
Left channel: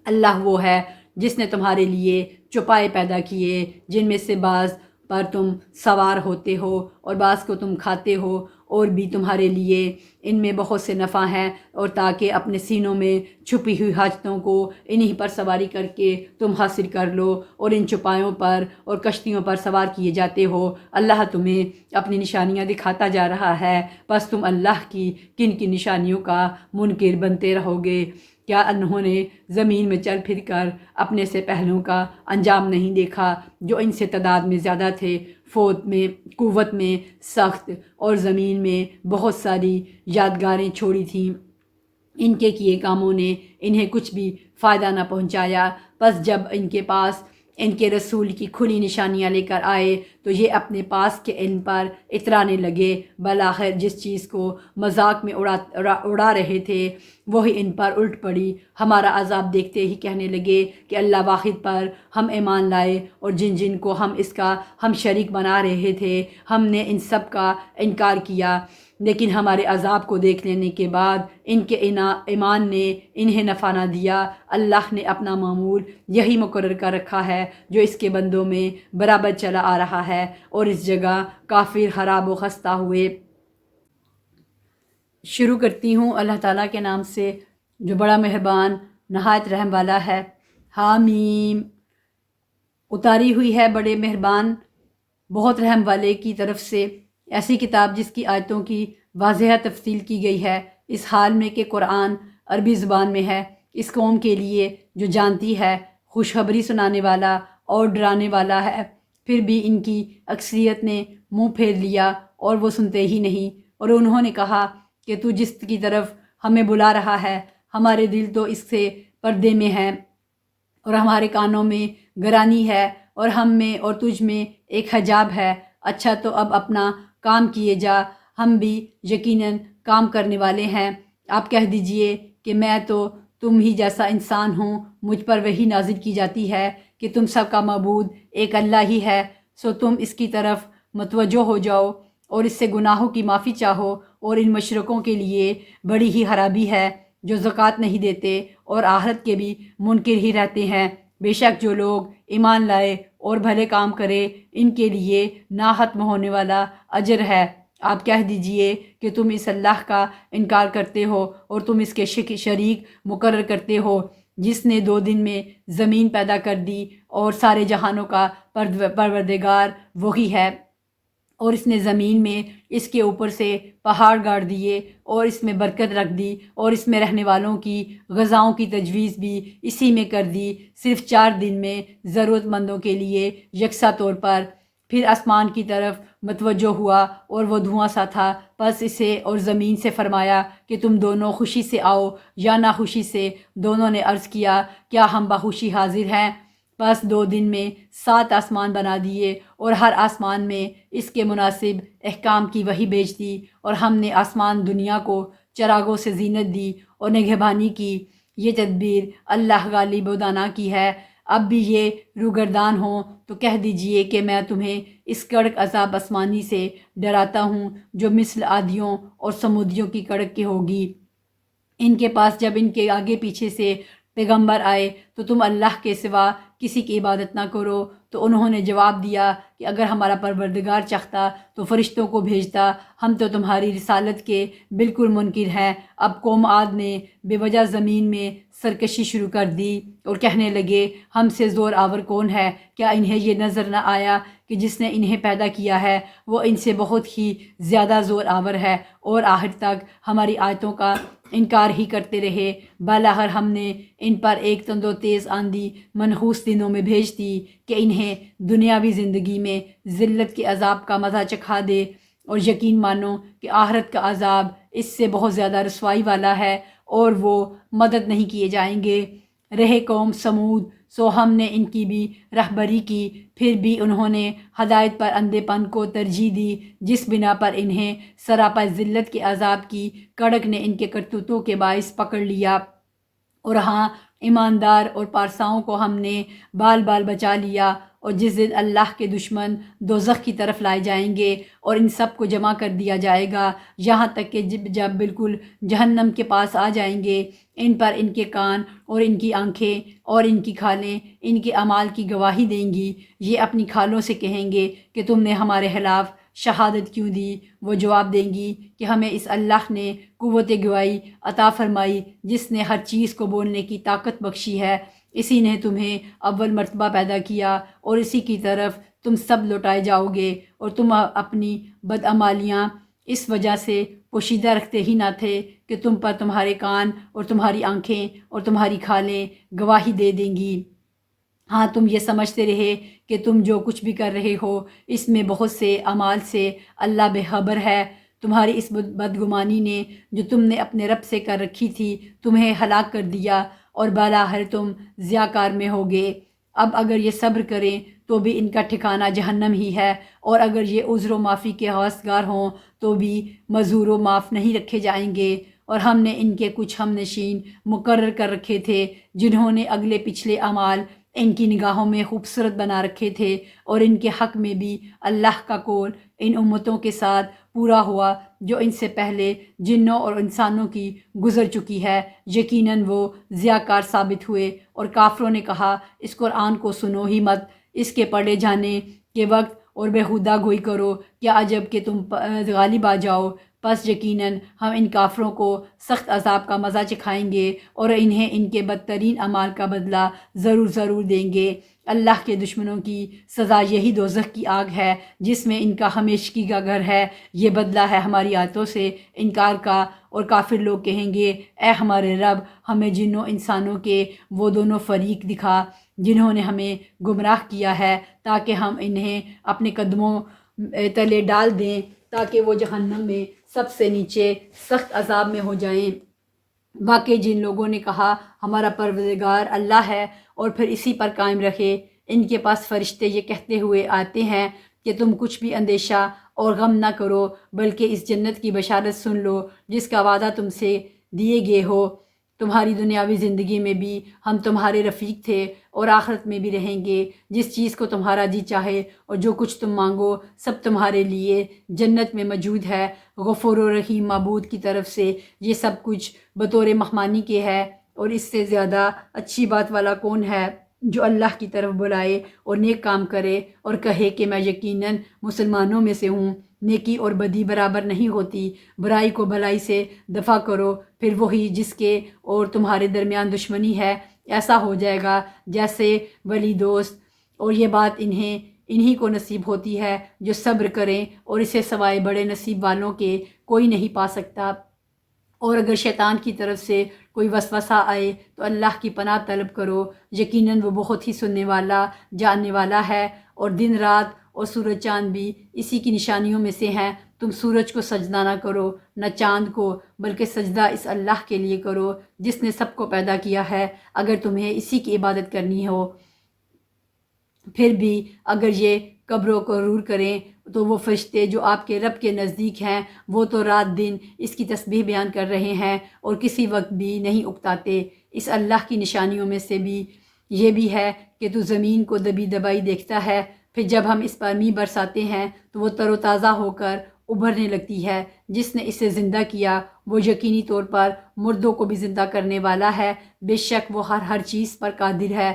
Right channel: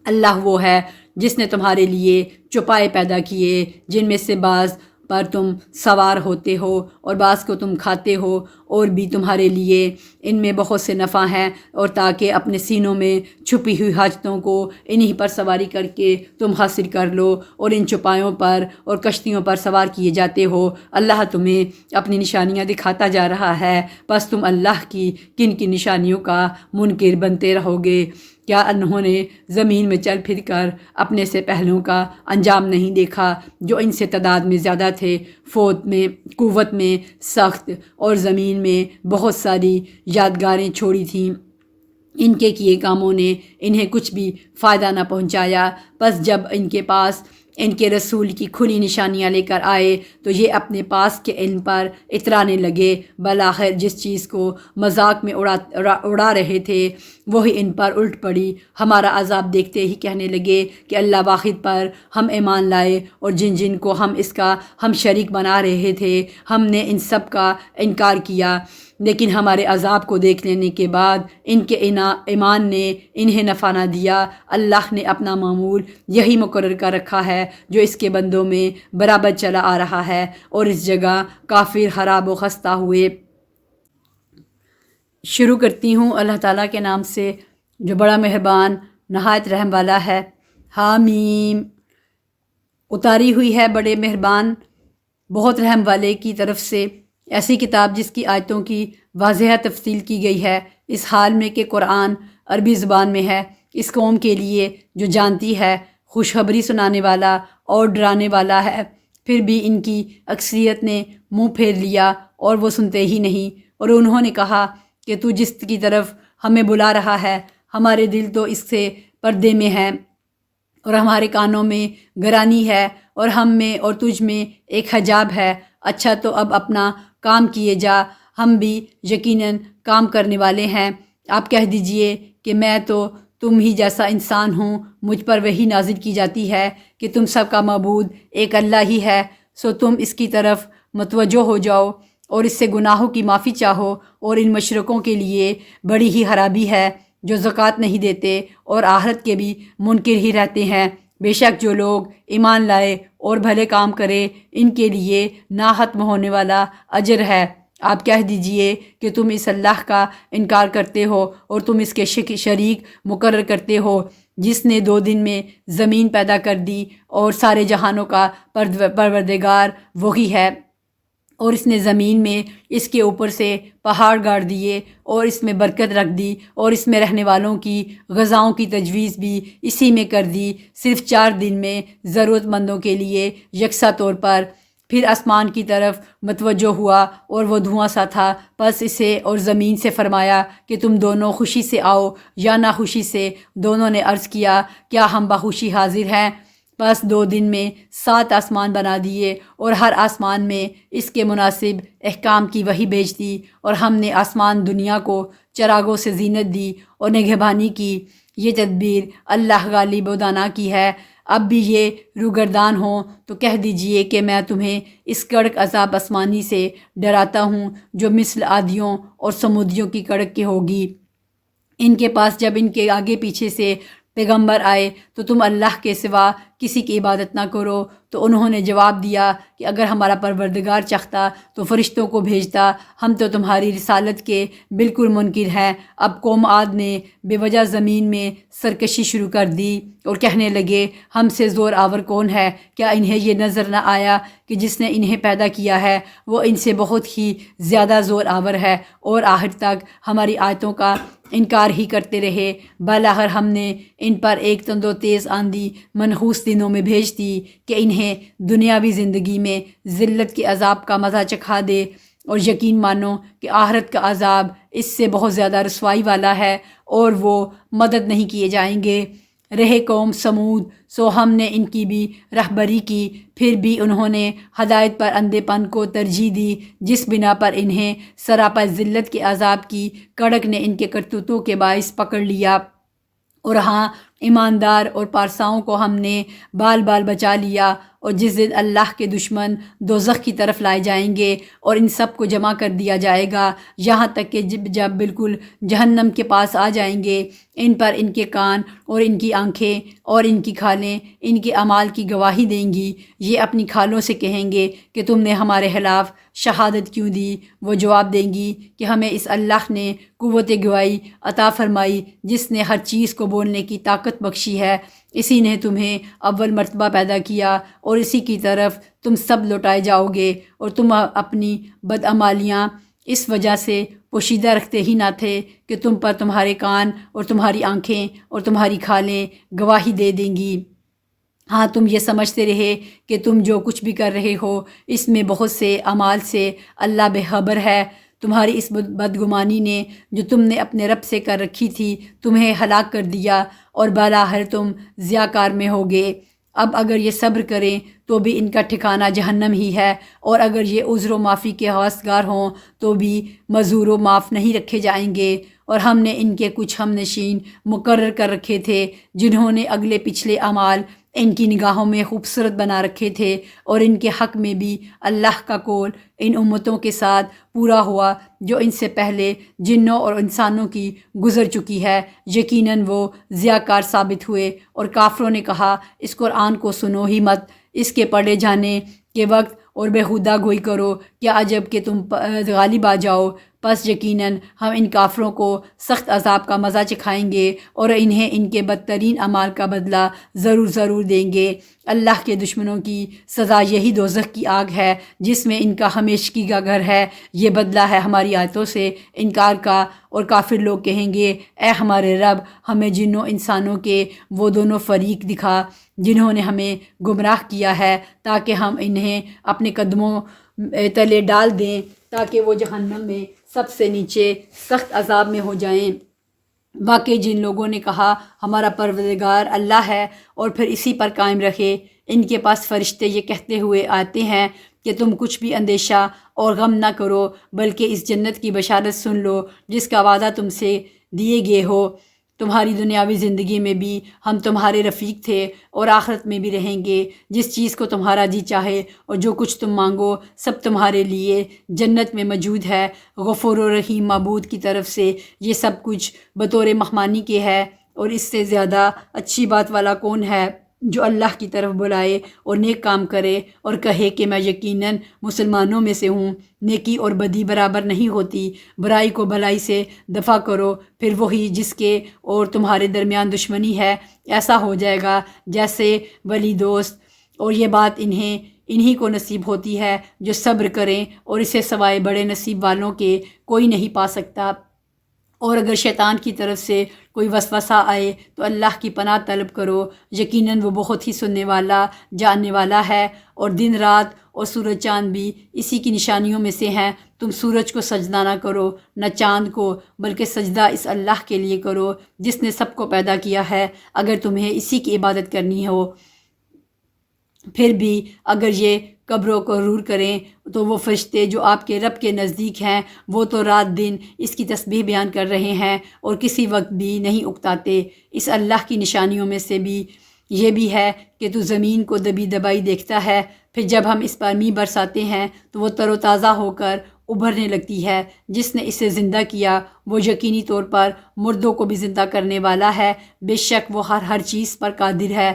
اللہ وہ ہے جس نے تمہارے لیے چوپائے پیدا کیے جن میں سے بعض پر تم سوار ہوتے ہو، اور بعض کو تم کھاتے ہو، اور بھی تمہارے لیے ان میں بہت سے نفع ہیں، اور تاکہ اپنے سینوں میں چھپی ہوئی حاجتوں کو انہی پر سواری کر کے تم حاصل کر لو، اور ان چوپایوں پر اور کشتیوں پر سوار کیے جاتے ہو۔ اللہ تمہیں اپنی نشانیاں دکھاتا جا رہا ہے، بس تم اللہ کی کن کن نشانیوں کا منکر بنتے رہو گے؟ کیا انہوں نے زمین میں چل پھر کر اپنے سے پہلوں کا انجام نہیں دیکھا، جو ان سے تعداد میں زیادہ تھے، فوت میں، قوت میں سخت، اور زمین میں بہت ساری یادگاریں چھوڑی تھیں؟ ان کے کیے کاموں نے انہیں کچھ بھی فائدہ نہ پہنچایا۔ بس جب ان کے پاس ان کے رسول کی کھلی نشانیاں لے کر آئے تو یہ اپنے پاس کے علم پر اترانے لگے۔ بالآخر جس چیز کو مذاق میں اڑا رہے تھے وہی ان پر الٹ پڑی۔ ہمارا عذاب دیکھتے ہی کہنے لگے کہ اللہ واحد پر ہم ایمان لائے، اور جن جن کو ہم اس کا ہم شریک بنا رہے تھے ہم نے ان سب کا انکار کیا، لیکن ہمارے عذاب کو دیکھ لینے کے بعد ان کے ایمان نے انہیں نفع نہ دیا۔ اللہ نے اپنا معمول یہی مقرر کر رکھا ہے جو اس کے بندوں میں برابر چلا آ رہا ہے، اور اس جگہ کافر خراب و خستہ ہوئے۔ شروع کرتی ہوں اللہ تعالیٰ کے نام سے جو بڑا مہربان نہایت رحم والا ہے۔ حامیم، اتاری ہوئی ہے بڑے مہربان بہت رحم والے کی طرف سے، ایسی کتاب جس کی آیتوں کی واضح تفصیل کی گئی ہے، اس حال میں کہ قرآن عربی زبان میں ہے، اس قوم کے لیے جو جانتی ہے، خوشخبری سنانے والا اور ڈرانے والا ہے۔ پھر بھی ان کی اکثریت نے منہ پھیر لیا اور وہ سنتے ہی نہیں، اور انہوں نے کہا کہ تو جس کی طرف ہمیں بلا رہا ہے ہمارے دل تو اس سے پردے میں ہیں، اور ہمارے کانوں میں گرانی ہے، اور ہم میں اور تجھ میں ایک حجاب ہے۔ اچھا تو اب اپنا کام کیے جا، ہم بھی یقیناً کام کرنے والے ہیں۔ آپ کہہ دیجئے کہ میں تو تم ہی جیسا انسان ہوں، مجھ پر وحی نازل کی جاتی ہے کہ تم سب کا معبود ایک اللہ ہی ہے، سو تم اس کی طرف متوجہ ہو جاؤ اور اس سے گناہوں کی معافی چاہو۔ اور ان مشرکوں کے لیے بڑی ہی خرابی ہے جو زکوٰۃ نہیں دیتے اور آخرت کے بھی منکر ہی رہتے ہیں۔ بے شک جو لوگ ایمان لائے اور بھلے کام کرے ان کے لیے نا ختم ہونے والا اجر ہے۔ آپ کہہ دیجئے کہ تم اس اللہ کا انکار کرتے ہو اور تم اس کے شریک مقرر کرتے ہو جس نے 2 دن میں زمین پیدا کر دی، اور سارے جہانوں کا پروردگار وہی ہے، اور اس نے زمین میں اس کے اوپر سے پہاڑ گاڑ دیے اور اس میں برکت رکھ دی، اور اس میں رہنے والوں کی غذاؤں کی تجویز بھی اسی میں کر دی، صرف 4 دن میں ضرورت مندوں کے لیے یکساں طور پر۔ پھر آسمان کی طرف متوجہ ہوا اور وہ دھواں سا تھا، پس اسے اور زمین سے فرمایا کہ تم دونوں خوشی سے آؤ یا ناخوشی سے۔ دونوں نے عرض کیا کیا ہم بخوشی حاضر ہیں؟ بس 2 دن میں 7 آسمان بنا دیے، اور ہر آسمان میں اس کے مناسب احکام کی وحی بھیج دی، اور ہم نے آسمان دنیا کو چراغوں سے زینت دی اور نگہبانی کی۔ یہ تدبیر اللہ غالب و دانا کی ہے۔ اب بھی یہ روگردان ہوں تو کہہ دیجئے کہ میں تمہیں اس کڑک عذاب آسمانی سے ڈراتا ہوں جو مثل عادیوں اور سمودیوں کی کڑک کی ہوگی۔ ان کے پاس جب ان کے آگے پیچھے سے پیغمبر آئے تو تم اللہ کے سوا کسی کی عبادت نہ کرو، تو انہوں نے جواب دیا کہ اگر ہمارا پروردگار چاہتا تو فرشتوں کو بھیجتا، ہم تو تمہاری رسالت کے بالکل منکر ہیں۔ اب قوم عاد نے بے وجہ زمین میں سرکشی شروع کر دی اور کہنے لگے ہم سے زور آور کون ہے؟ کیا انہیں یہ نظر نہ آیا کہ جس نے انہیں پیدا کیا ہے وہ ان سے بہت ہی زیادہ زور آور ہے، اور آخر تک ہماری آیتوں کا انکار ہی کرتے رہے۔ بالآخر ہم نے ان پر ایک تند و تیز آندھی منحوس دنوں میں بھیج دی کہ انہیں دنیاوی زندگی میں ذلت کے عذاب کا مزہ چکھا دے، اور یقین مانو کہ آخرت کا عذاب اس سے بہت زیادہ رسوائی والا ہے، اور وہ مدد نہیں کیے جائیں گے۔ رہے قوم سمود، سو ہم نے ان کی بھی رہبری کی، پھر بھی انہوں نے ہدایت پر اندھے پن کو ترجیح دی، جس بنا پر انہیں سراپا ذلت کے عذاب کی کڑک نے ان کے کرتوتوں کے باعث پکڑ لیا۔ اور ہاں، ایماندار اور پارساؤں کو ہم نے بال بال بچا لیا، اور جس دن اللہ کے دشمن دوزخ کی طرف لائے جائیں گے اور ان سب کو جمع کر دیا جائے گا، یہاں تک کہ جب بالکل جہنم کے پاس آ جائیں گے، ان پر ان کے کان اور ان کی آنکھیں اور ان کی کھالیں ان کے اعمال کی گواہی دیں گی۔ یہ اپنی کھالوں سے کہیں گے کہ تم نے ہمارے خلاف شہادت کیوں دی؟ وہ جواب دیں گی کہ ہمیں اس اللہ نے قوت گواہی عطا فرمائی جس نے ہر چیز کو بولنے کی طاقت بخشی ہے، اسی نے تمہیں اول مرتبہ پیدا کیا اور اسی کی طرف تم سب لوٹائے جاؤ گے، اور تم اپنی بدعمالیاں اس وجہ سے پوشیدہ رکھتے ہی نہ تھے کہ تم پر تمہارے کان اور تمہاری آنکھیں اور تمہاری کھالیں گواہی دے دیں گی۔ ہاں، تم یہ سمجھتے رہے کہ تم جو کچھ بھی کر رہے ہو اس میں بہت سے اعمال سے اللہ بے خبر ہے۔ تمہاری اس بدگمانی نے جو تم نے اپنے رب سے کر رکھی تھی تمہیں ہلاک کر دیا، اور بالاخر تم ضیاء کار میں ہوگے۔ اب اگر یہ صبر کریں تو بھی ان کا ٹھکانہ جہنم ہی ہے، اور اگر یہ عذر و معافی کے خواستگار ہوں تو بھی معذور و معاف نہیں رکھے جائیں گے۔ اور ہم نے ان کے کچھ ہم نشین مقرر کر رکھے تھے جنہوں نے اگلے پچھلے اعمال ان کی نگاہوں میں خوبصورت بنا رکھے تھے، اور ان کے حق میں بھی اللہ کا قول ان امتوں کے ساتھ پورا ہوا جو ان سے پہلے جنوں اور انسانوں کی گزر چکی ہے، یقیناً وہ ضیاء کار ثابت ہوئے۔ اور کافروں نے کہا اس قرآن کو سنو ہی مت، اس کے پڑھے جانے کے وقت اور بیہودہ گوئی کرو، کیا عجب کہ تم غالب آ جاؤ۔ پس یقیناً ہم ان کافروں کو سخت عذاب کا مزہ چکھائیں گے اور انہیں ان کے بدترین اعمال کا بدلہ ضرور دیں گے۔ اللہ کے دشمنوں کی سزا یہی دوزخ کی آگ ہے جس میں ان کا ہمیشگی کا گھر ہے، یہ بدلہ ہے ہماری آیتوں سے انکار کا۔ اور کافر لوگ کہیں گے اے ہمارے رب، ہمیں جنوں انسانوں کے وہ دونوں فریق دکھا جنہوں نے ہمیں گمراہ کیا ہے تاکہ ہم انہیں اپنے قدموں تلے ڈال دیں تاکہ وہ جہنم میں سب سے نیچے سخت عذاب میں ہو جائیں۔ واقعی جن لوگوں نے کہا ہمارا پروردگار اللہ ہے اور پھر اسی پر قائم رہے، ان کے پاس فرشتے یہ کہتے ہوئے آتے ہیں کہ تم کچھ بھی اندیشہ اور غم نہ کرو، بلکہ اس جنت کی بشارت سن لو جس کا وعدہ تم سے دیے گئے ہو۔ تمہاری دنیاوی زندگی میں بھی ہم تمہارے رفیق تھے اور آخرت میں بھی رہیں گے۔ جس چیز کو تمہارا جی چاہے اور جو کچھ تم مانگو سب تمہارے لیے جنت میں موجود ہے۔ غفور و رحیم معبود کی طرف سے یہ سب کچھ بطور مہمانی کے ہے، اور اس سے زیادہ اچھی بات والا کون ہے جو اللہ کی طرف بلائے اور نیک کام کرے اور کہے کہ میں یقیناً مسلمانوں میں سے ہوں۔ نیکی اور بدی برابر نہیں ہوتی، برائی کو بھلائی سے دفع کرو، پھر وہی جس کے اور تمہارے درمیان دشمنی ہے ایسا ہو جائے گا جیسے ولی دوست، اور یہ بات انہی کو نصیب ہوتی ہے جو صبر کریں، اور اسے سوائے بڑے نصیب والوں کے کوئی نہیں پا سکتا۔ اور اگر شیطان کی طرف سے کوئی وسوسہ آئے تو اللہ کی پناہ طلب کرو، یقیناً وہ بہت ہی سننے والا جاننے والا ہے۔ اور دن رات اور سورج چاند بھی اسی کی نشانیوں میں سے ہیں۔ تم سورج کو سجدہ نہ کرو نہ چاند کو، بلکہ سجدہ اس اللہ کے لیے کرو جس نے سب کو پیدا کیا ہے، اگر تمہیں اسی کی عبادت کرنی ہو۔ پھر بھی اگر یہ قبروں کو غرور کریں تو وہ فرشتے جو آپ کے رب کے نزدیک ہیں وہ تو رات دن اس کی تسبیح بیان کر رہے ہیں اور کسی وقت بھی نہیں اکتاتے۔ اس اللہ کی نشانیوں میں سے بھی یہ بھی ہے کہ تو زمین کو دبی دبائی دیکھتا ہے، پھر جب ہم اس پر می برساتے ہیں تو وہ تر و تازہ ہو کر ابھرنے لگتی ہے۔ جس نے اسے زندہ کیا وہ یقینی طور پر مردوں کو بھی زندہ کرنے والا ہے، بے شک وہ ہر چیز پر قادر ہے۔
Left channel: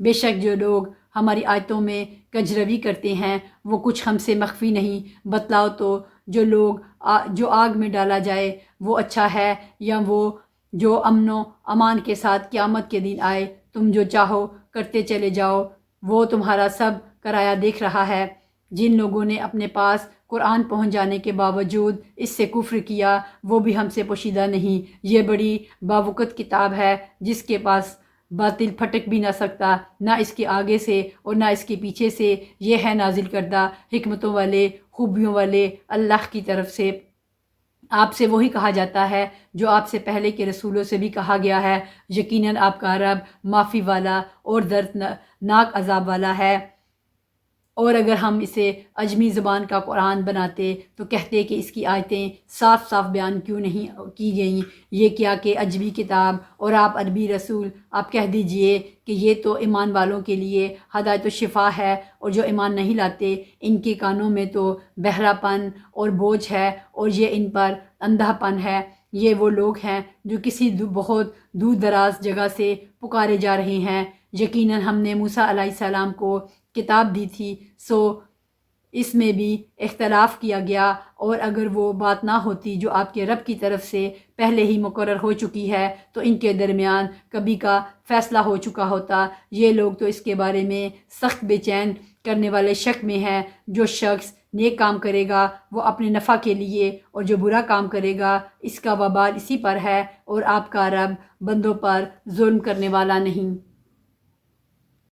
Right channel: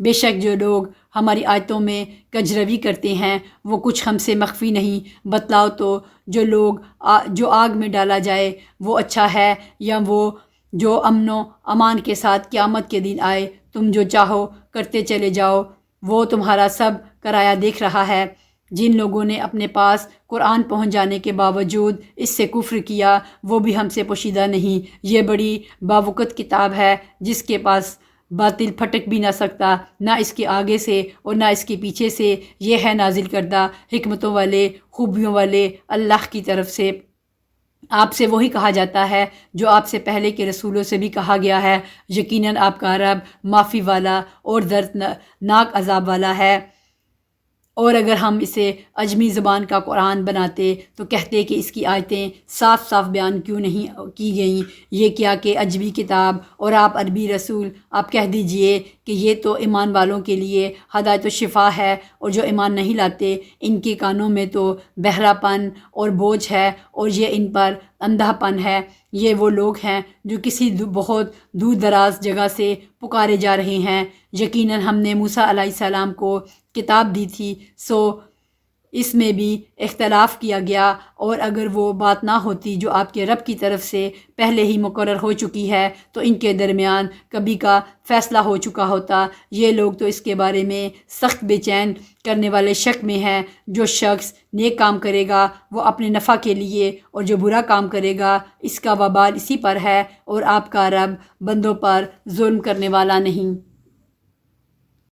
بے شک جو لوگ ہماری آیتوں میں کجروی کرتے ہیں وہ کچھ ہم سے مخفی نہیں۔ بتلاؤ تو جو آگ میں ڈالا جائے وہ اچھا ہے یا وہ جو امن و امان کے ساتھ قیامت کے دن آئے؟ تم جو چاہو کرتے چلے جاؤ، وہ تمہارا سب کرایہ دیکھ رہا ہے۔ جن لوگوں نے اپنے پاس قرآن پہنچ جانے کے باوجود اس سے کفر کیا وہ بھی ہم سے پوشیدہ نہیں۔ یہ بڑی باوقت کتاب ہے جس کے پاس باطل پھٹک بھی نہ سکتا، نہ اس کے آگے سے اور نہ اس کے پیچھے سے۔ یہ ہے نازل کردہ حکمتوں والے خوبیوں والے اللہ کی طرف سے۔ آپ سے وہی کہا جاتا ہے جو آپ سے پہلے کے رسولوں سے بھی کہا گیا ہے، یقیناً آپ کا رب معافی والا اور دردناک عذاب والا ہے۔ اور اگر ہم اسے عجمی زبان کا قرآن بناتے تو کہتے کہ اس کی آیتیں صاف صاف بیان کیوں نہیں کی گئیں، یہ کیا کہ عجمی کتاب اور آپ عربی رسول۔ آپ کہہ دیجئے کہ یہ تو ایمان والوں کے لیے ہدایت و شفا ہے، اور جو ایمان نہیں لاتے ان کے کانوں میں تو بہرا پن اور بوجھ ہے، اور یہ ان پر اندھا پن ہے۔ یہ وہ لوگ ہیں جو کسی بہت دور دراز جگہ سے پکارے جا رہے ہیں۔ یقیناً ہم نے موسیٰ علیہ السلام کو کتاب دی تھی، سو اس میں بھی اختلاف کیا گیا، اور اگر وہ بات نہ ہوتی جو آپ کے رب کی طرف سے پہلے ہی مقرر ہو چکی ہے تو ان کے درمیان کبھی کا فیصلہ ہو چکا ہوتا۔ یہ لوگ تو اس کے بارے میں سخت بے چین کرنے والے شک میں ہیں۔ جو شخص نیک کام کرے گا وہ اپنے نفع کے لیے، اور جو برا کام کرے گا اس کا وبال اسی پر ہے، اور آپ کا رب بندوں پر ظلم کرنے والا نہیں۔